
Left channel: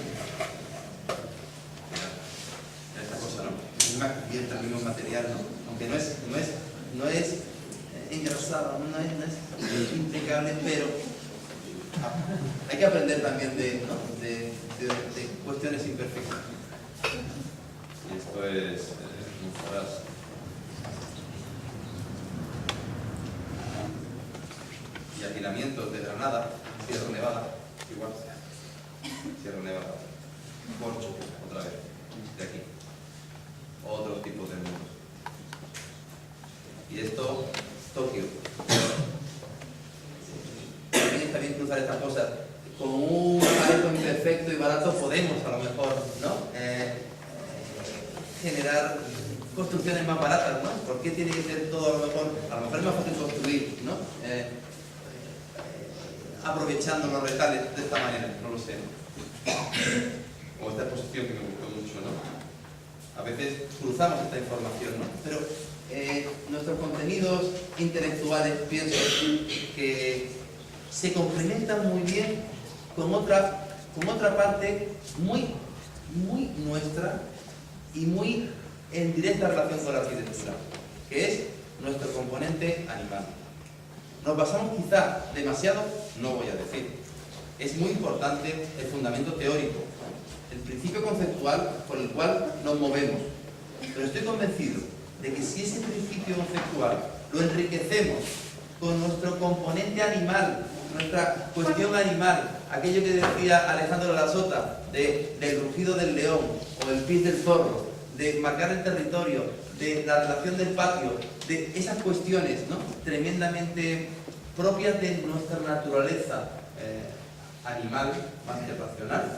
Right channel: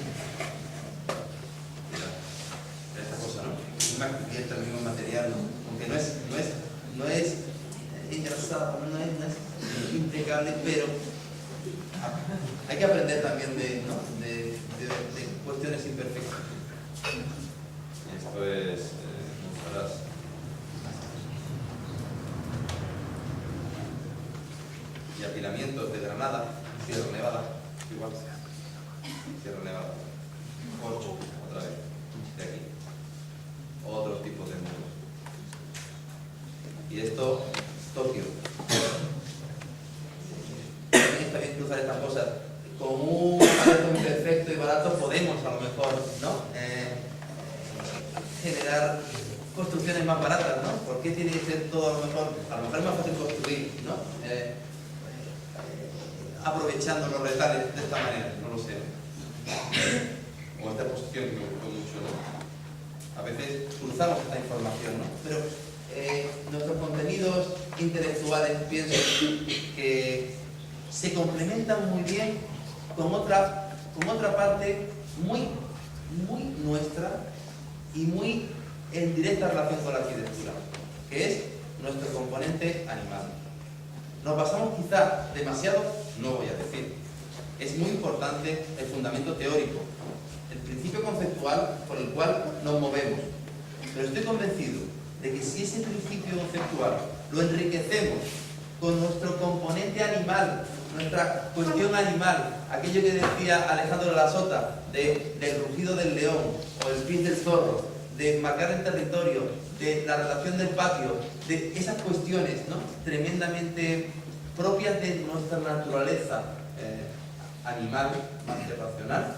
Mira esta cosa, ¿no? Misma cubierta, el mismo material, ¿no? Aunque no es engrasada, no es impecable, pero hay que aprender también de cuestiones imperfectas. Y esto es Monsaraz. Y apilamientos de Granada, Sierra Nevada, igual. Sierra Nevada. Corcho, otra vez, de aquí. Otros tipos de muros. Y esto, Tokio. También está bien cruzar estas cosas. Con un aparato imperfecto y barato podemos, a lo mejor, ¿no? Generar construcciones más baratas, ¿no? ¿Por qué tiene que ser todo a lo mejor? A lo mejor es más fácil construir, ¿no? Aprovechando los retales de esta manera, no lo sé, ¿no? O esta exposición que me gustó mucho, ¿no? A veces cruzamos esta información, ¿no? Pero nuestros contenidos intelectuales, pienso que se complementan muy bien con otra parte muy nuestra y muy en directa relación con la arquitectura, que es nuestro componente animal. Nos basamos quizá demasiado, no voy a decir. Es muy importante el fundamento teórico, el principio conceptual por el cual nos movemos. Pero estoy convencido de que si ese principio conceptual lo enriquecemos con nuestro componente animal, nuestra cuestión animal, aquello que decía Alejandro de la Sota, del rugido del león o el pis del zorro, de marcar el territorio, de la relación del patio, de esas cuestiones, ¿no? Tremendamente propias de nuestra naturaleza animal, más que racional,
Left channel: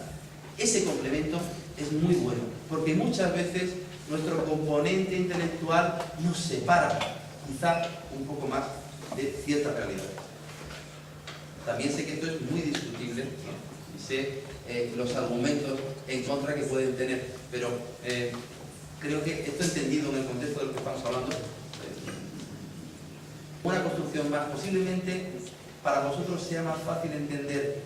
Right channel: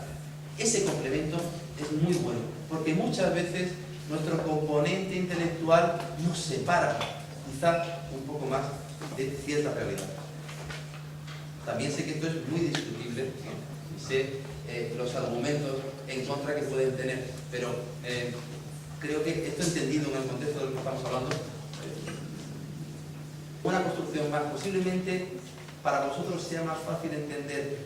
ese complemento es muy bueno, porque muchas veces nuestro componente intelectual nos separa, quizá un poco más, de cierta realidad. También sé que esto es muy discutible, ¿no? Y sé los argumentos en contra que pueden tener, pero creo que esto entendido en el contexto del que estamos hablando, una construcción más, posiblemente para vosotros sea más fácil entender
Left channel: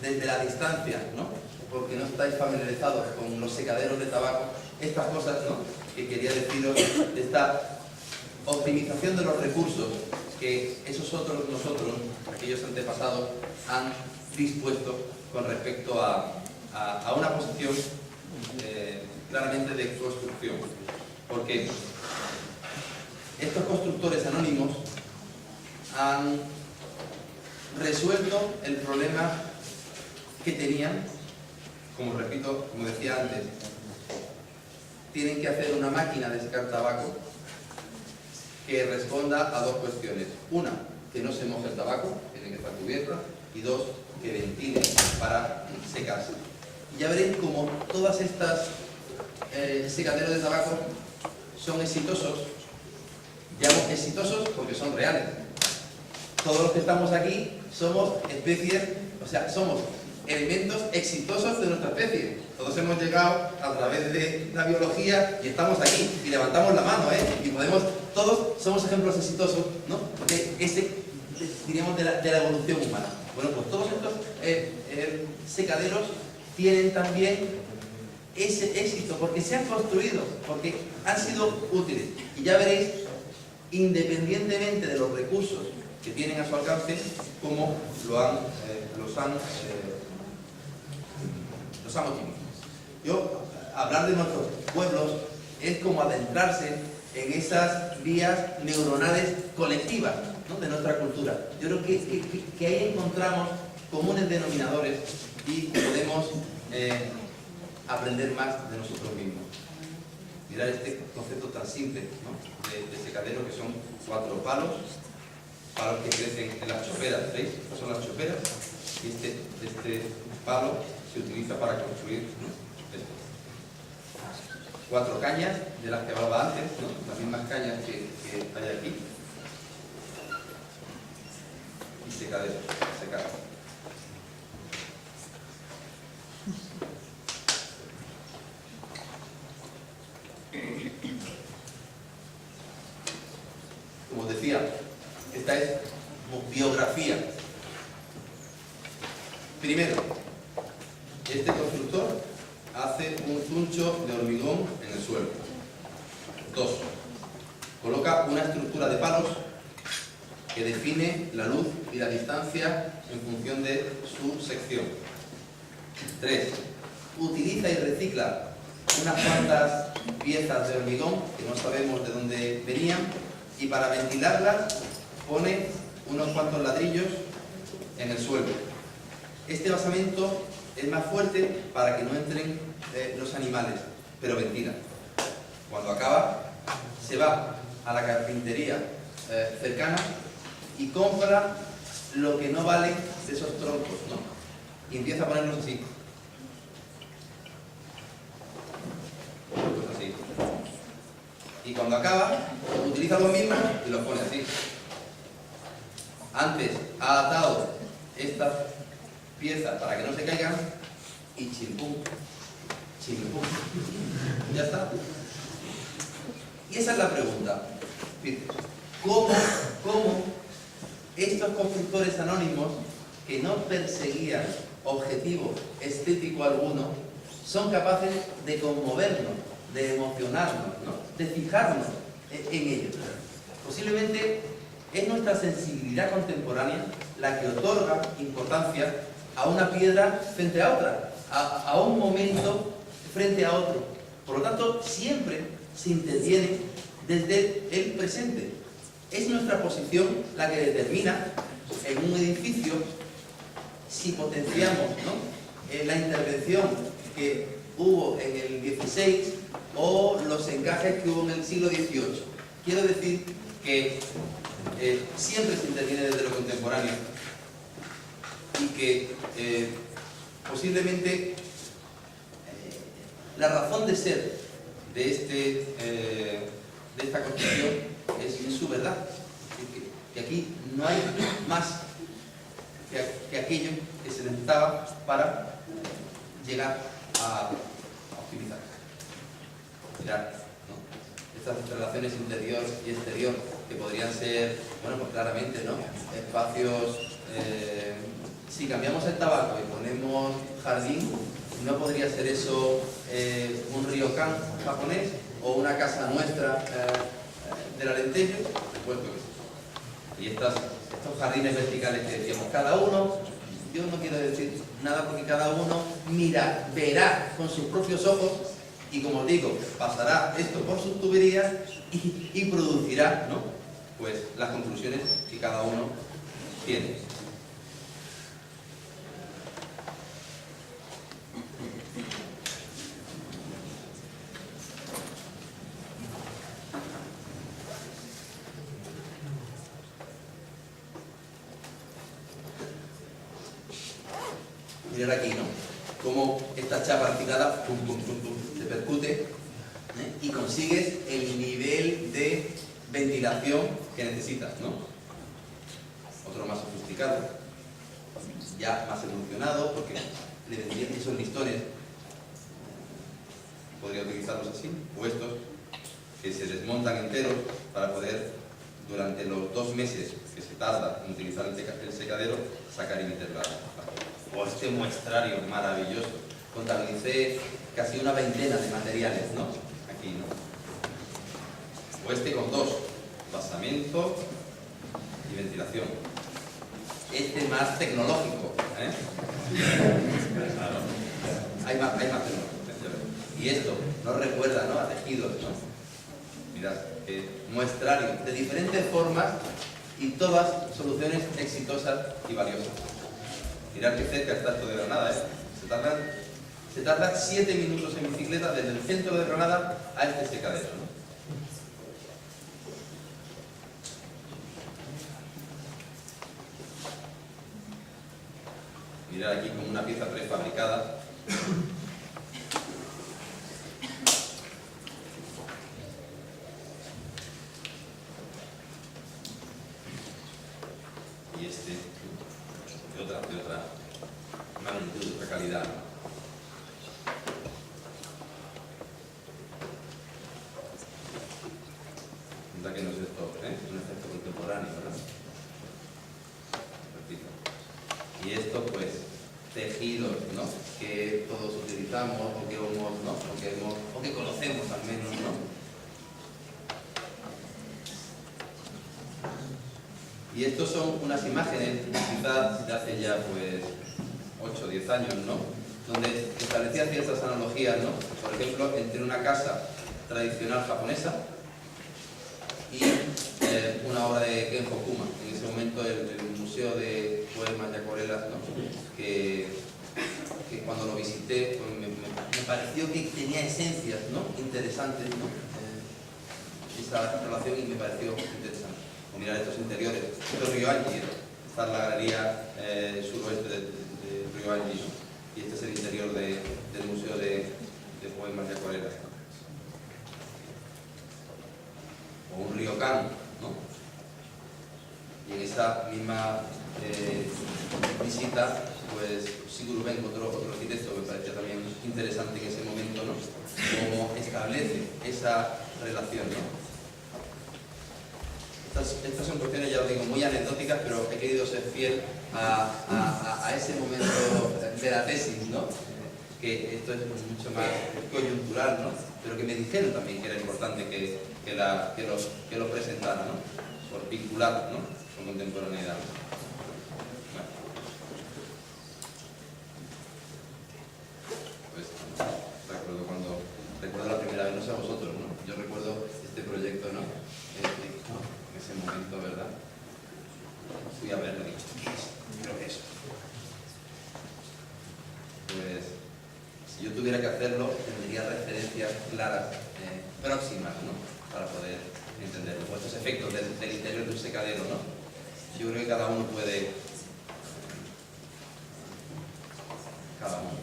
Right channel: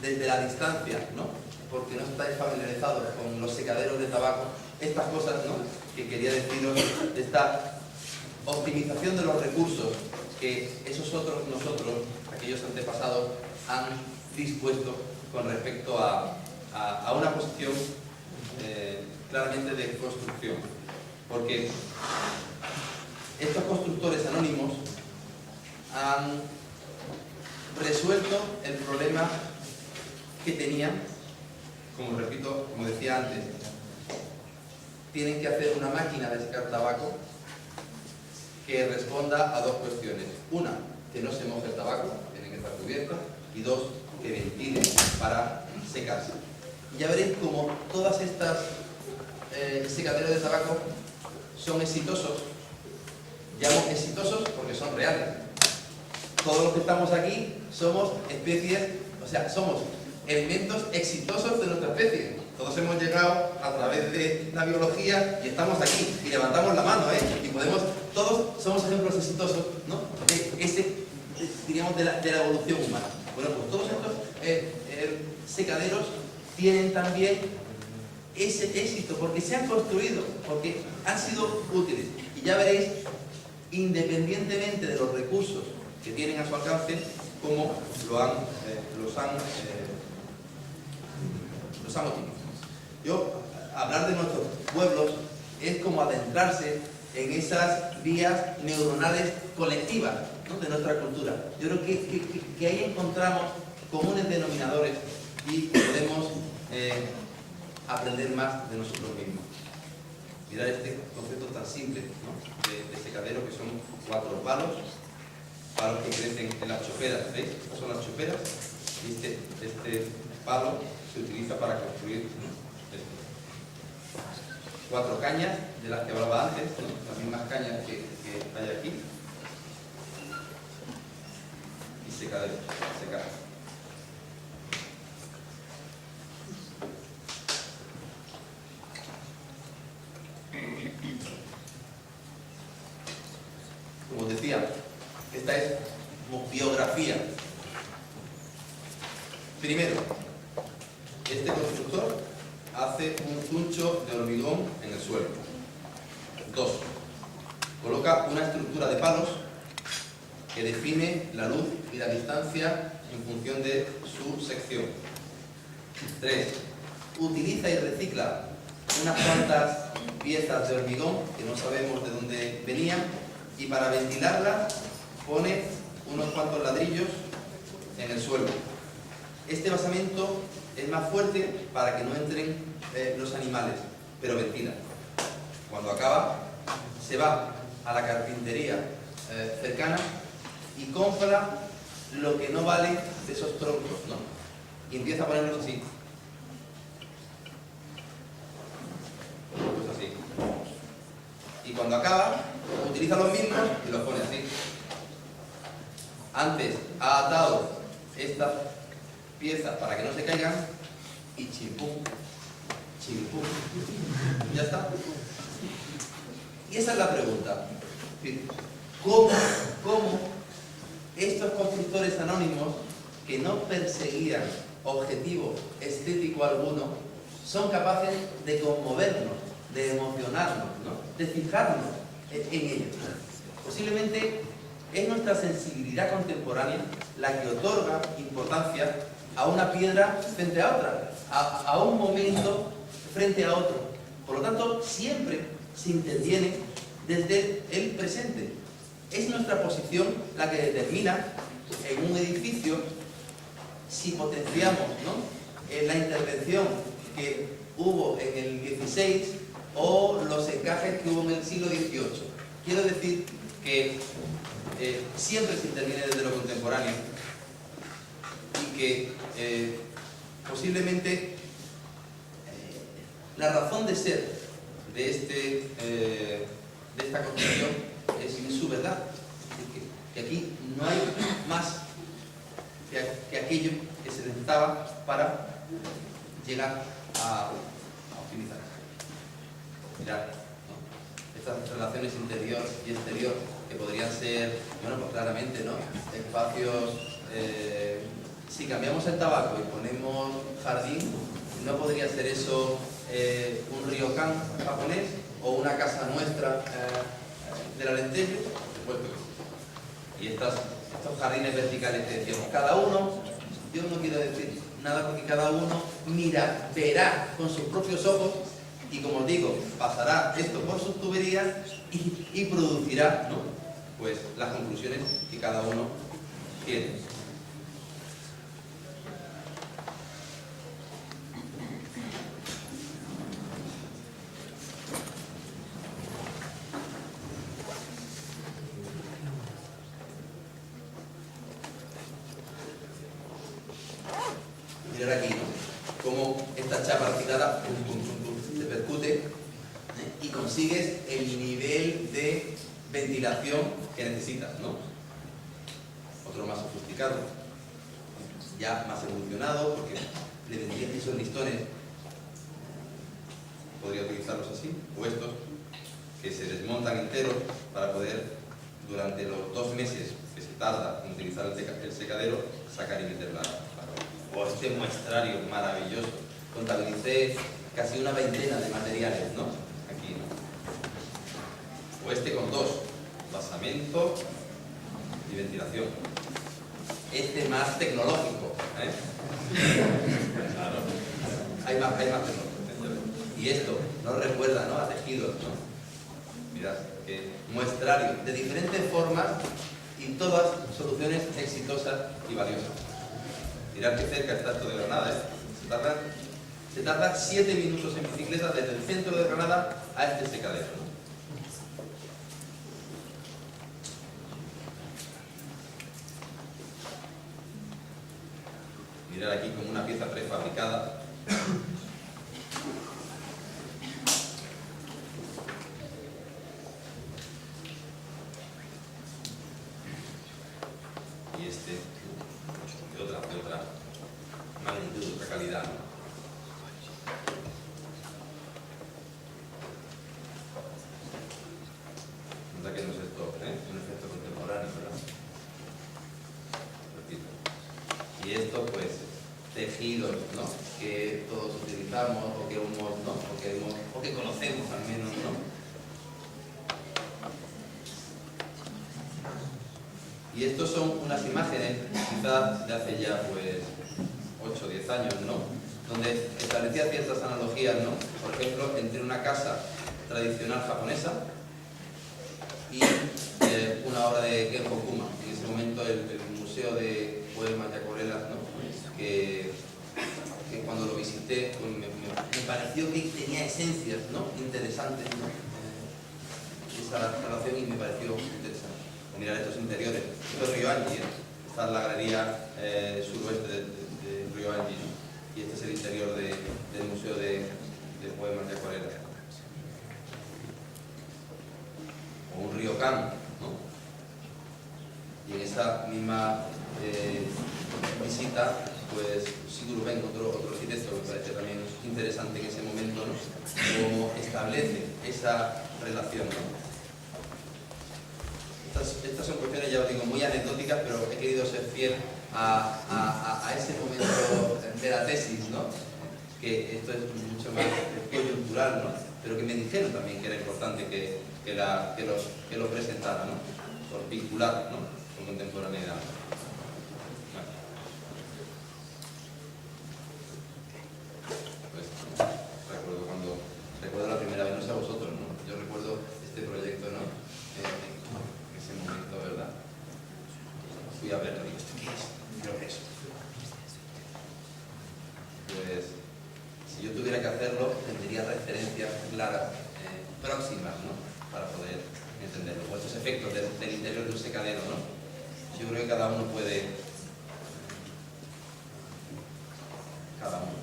desde la distancia, ¿no? Porque no estáis familiarizados con los secaderos de tabaco, estas cosas, ¿no? Que quería deciros, de esta optimización de los recursos que nosotros, aquellos antepasados, han dispuesto con respecto a una posición claramente de construcción. porque estos constructores anónimos han resuelto el problema que tenían. Como repito, como decía antes, tienen que hacer una máquina de secar tabaco que responda a dos cuestiones. Una, que no se moje el tabaco, tiene que estar cubierta, y dos, que ventile para secarse. Y ya veréis cómo todas estas secaderos de tabaco son exitosos. Llamo exitosos porque son reales. Todos los que estamos aquí somos especies, o sea, somos elementos exitosos de nuestra especie. Todos hemos llegado a través de la biología y estamos aquí y levantamos la mano, y podemos, todos somos ejemplos exitosos, ¿no? Diríamos de la evolución humana. Bueno, pues todos estos secaderos tienen también ese éxito porque se han construido, porque han sido útiles. Y ya veréis, independientemente de los recursos que tienen a su alcance, cómo los han optimizado. Hablar de nuestros pueblos es como adentrarse en esas vías neuronales colectivas, ¿no?, de nuestra cultura. Yo creo que ahí encontramos comunes denominadores y podemos aprender más de nosotros mismos. Mirad este concepto tan simple, ¿no?, de secadero, que son 4 palos que crecen en las choperas. ¿Veis? Estas son las choperas y este palo se utiliza para construir, ¿no?, esto. 4 cañas de las que hablaba antes, ¿no?, las mismas cañas que hay aquí, y secadero, secar. Como os decía, esta es biografía. Primero, este constructor hace un zuncho de hormigón en el suelo. 2. Coloca una estructura de palos que define la luz y la distancia en función de su sección. 3. Utiliza y recicla unas cuantas piezas de hormigón que no sabemos de dónde venían, y para ventilarlas pone unos cuantos ladrillos en el suelo. Este basamento es más fuerte para que no entren los animales, pero ventila. Cuando acaba, se va a la carpintería cercana y compra lo que no vale de esos troncos, ¿no?, y empieza a ponerlos así. Pues así. Y cuando acaba, utiliza los mismos y los pone así. Antes ha atado estas piezas para que no se caigan y chimpum, chimpum. Ya está. Y esa es la pregunta. ¿Cómo estos constructores anónimos, que no perseguían objetivo estético alguno, son capaces de conmovernos, de emocionarnos, ¿no?, de fijarnos en ellos? Posiblemente es nuestra sensibilidad contemporánea la que otorga importancia a una piedra frente a otra, a un momento frente a otro. Por lo tanto, siempre se interviene desde el presente. Es nuestra posición la que determina en un edificio si potenciamos, ¿no?, la intervención que hubo en el XVI o los encajes que hubo en el siglo XVIII. Quiero decir que siempre se interviene desde lo contemporáneo y que posiblemente la razón de ser de esta construcción es su verdad. Es decir, que aquí no hay más que aquello que se necesitaba para llegar a optimizar. Mirad, ¿no?, estas relaciones interior y exterior, que podrían ser, bueno, pues claramente, ¿no?, espacios. Si cambiamos el tabaco y ponemos jardín, ¿no podría ser eso un ryokan japonés o una casa nuestra del Alentejo? Por supuesto que sí. Y estos jardines verticales que decíamos, cada uno, yo no quiero decir nada porque cada uno verá con sus propios ojos Y como os digo, pasará esto por sus tuberías y producirá, ¿no?, pues las conclusiones que cada uno tiene. Mirad aquí, ¿no?, cómo esta chapa reciclada pum, pum, pum, pum, se percute, ¿eh?, y consigues el nivel de ventilación que necesitas, ¿no? Otro más sofisticado, ya más evolucionado, porque le vendrían esos listones, podría utilizarlos así, o estos, que se desmontan enteros para poder, durante los 2 meses que se tarda en utilizar el secadero, sacar y meter la o este muestrario maravilloso. Contabilicé casi una veintena de materiales, ¿no?, aquí, ¿no? O este con 2, basamento y ventilación. Este más tecnológico, ¿eh? Claro. Hay más tecnológico. Y esto nos recuerda, ¿no?, a tejidos, ¿no? Mirad, muestrario de diferentes formas y todas soluciones exitosas y valiosas. Mirad qué cerca está esto de Granada, ¿eh? Se tarda 7 minutos en bicicleta desde el centro de Granada a este secadero, ¿no? Mirad aquí como una pieza prefabricada. Y este de otra magnitud, de otra calidad, ¿no? Nota que no es esto, un efecto contemporáneo, ¿verdad? Repito. Y esto, pues, tejidos, ¿no?, que todos utilizamos o que hemos, ¿no?, o que conocemos al menos, ¿no? Y estos son unas imágenes, quizás de hace ya, pues, 8 o 10 años, ¿no?, donde establecía ciertas analogías, ¿no?, por ejemplo, entre una casa tradicional japonesa y una obra de Ken Hokuma. En ese momento el Museo de Poemas y Acuarelas, ¿no?, que cuando lo visité, pues me pareció que tenía esencias, ¿no?, interesantes, ¿no?, esa relación, y me pareció interesante. O mirar estos interiores. Esto es Ryoanji, ¿no? Esta es la galería suroeste de Ryoanji, ¿no?, y este es el interior del Museo de Poemas y Acuarelas, ¿no? O un ryokan, ¿no? Y en esa misma visita, pues Sigurd Benck, otro arquitecto, me pareció también interesante en ese momento, ¿no?, cómo establece esa relación, ¿no? Estas son cuestiones, ya os digo, muy anecdóticas, pero he querido ser fiel a ese momento de la tesis, ¿no?, que esto es mucho más coyuntural, ¿no?, pero que me dijeron también que era importante que lo presentara, ¿no?, por vincular, ¿no?, con contemporaneidad. Bueno. Pues recuerdo la primera vez, no sé a vosotros, ¿no?, yo recuerdo este proyecto, ¿no?, en ese momento, ¿verdad? Fui a verlo y digo, ¿esto qué es? Creo que eso. Pues, si yo tuviera que hacerlo, tendría referencias claras, próximas, ¿no?, para poder entenderlo. O estos efectos del interior de un secadero, ¿no? Yo creo que cada uno puede... Cada uno.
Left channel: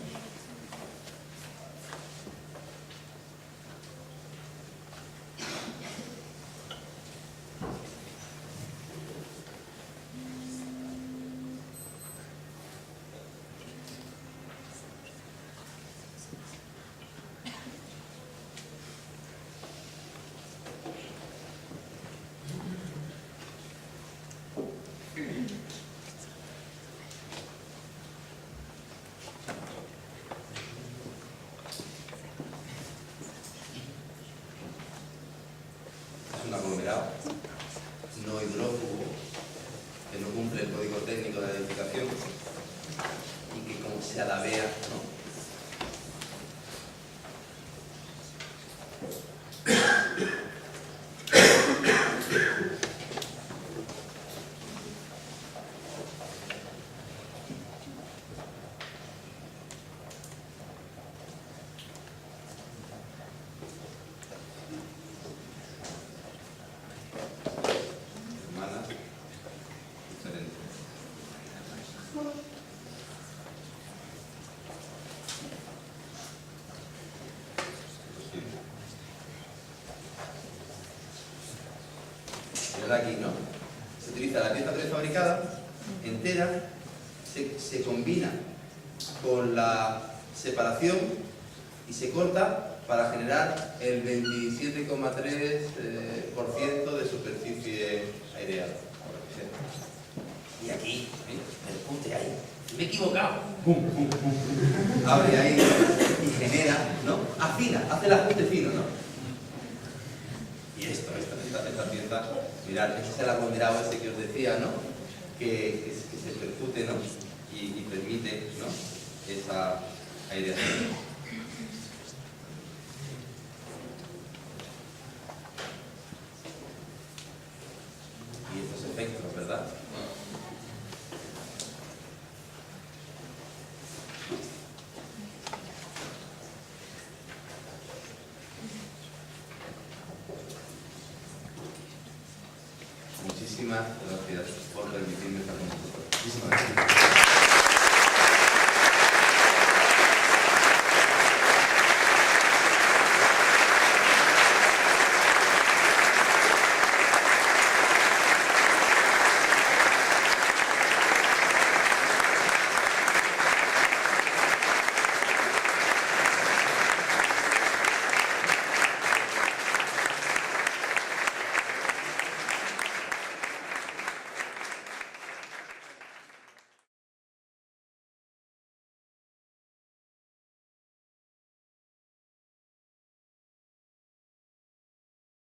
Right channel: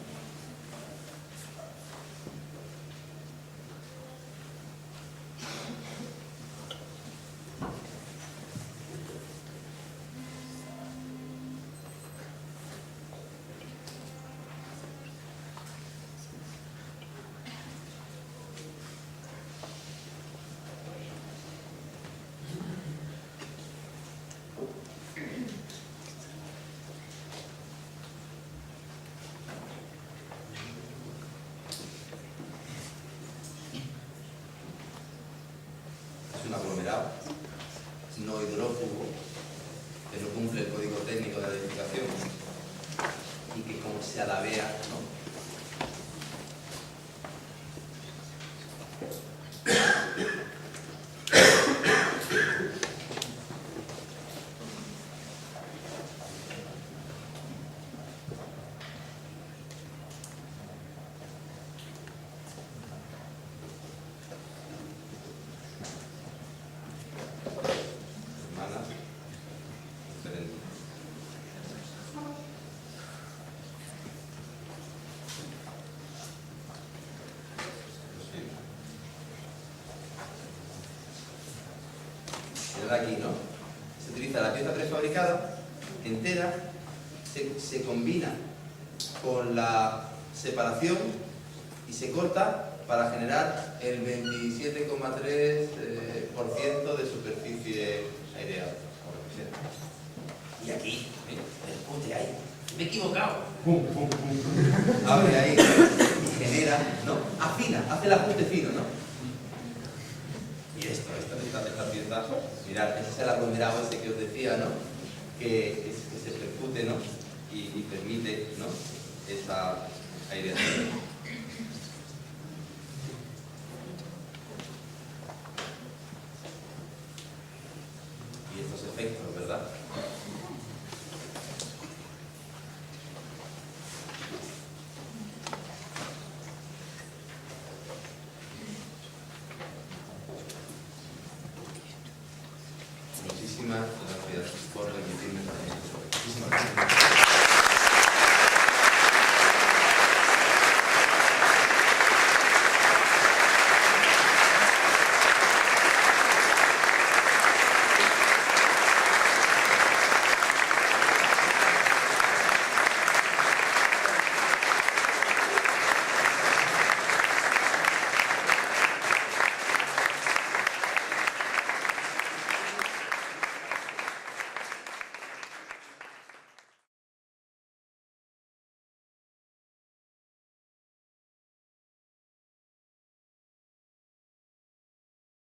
Un aglomerado no hidrófugo que no cumple el código técnico de la edificación y que, como se alabea, ¿no?, mirad aquí, ¿no? Se utiliza la pieza prefabricada entera, se combina con la separación y se corta para generar el 27,3% de superficie aireada. Y aquí, percute ahí. Me he equivocado. Abre ahí y genera, ¿no? Afina, hace el ajuste fino, ¿no? Y esta pieza, mirad, ese es el aglomerado ese que os decía, ¿no? Que se percute, ¿no? Y permite, ¿no? Esa aireación. Y estos efectos, ¿verdad? Muchísimas gracias por permitirme estar con vosotros. Muchísimas gracias.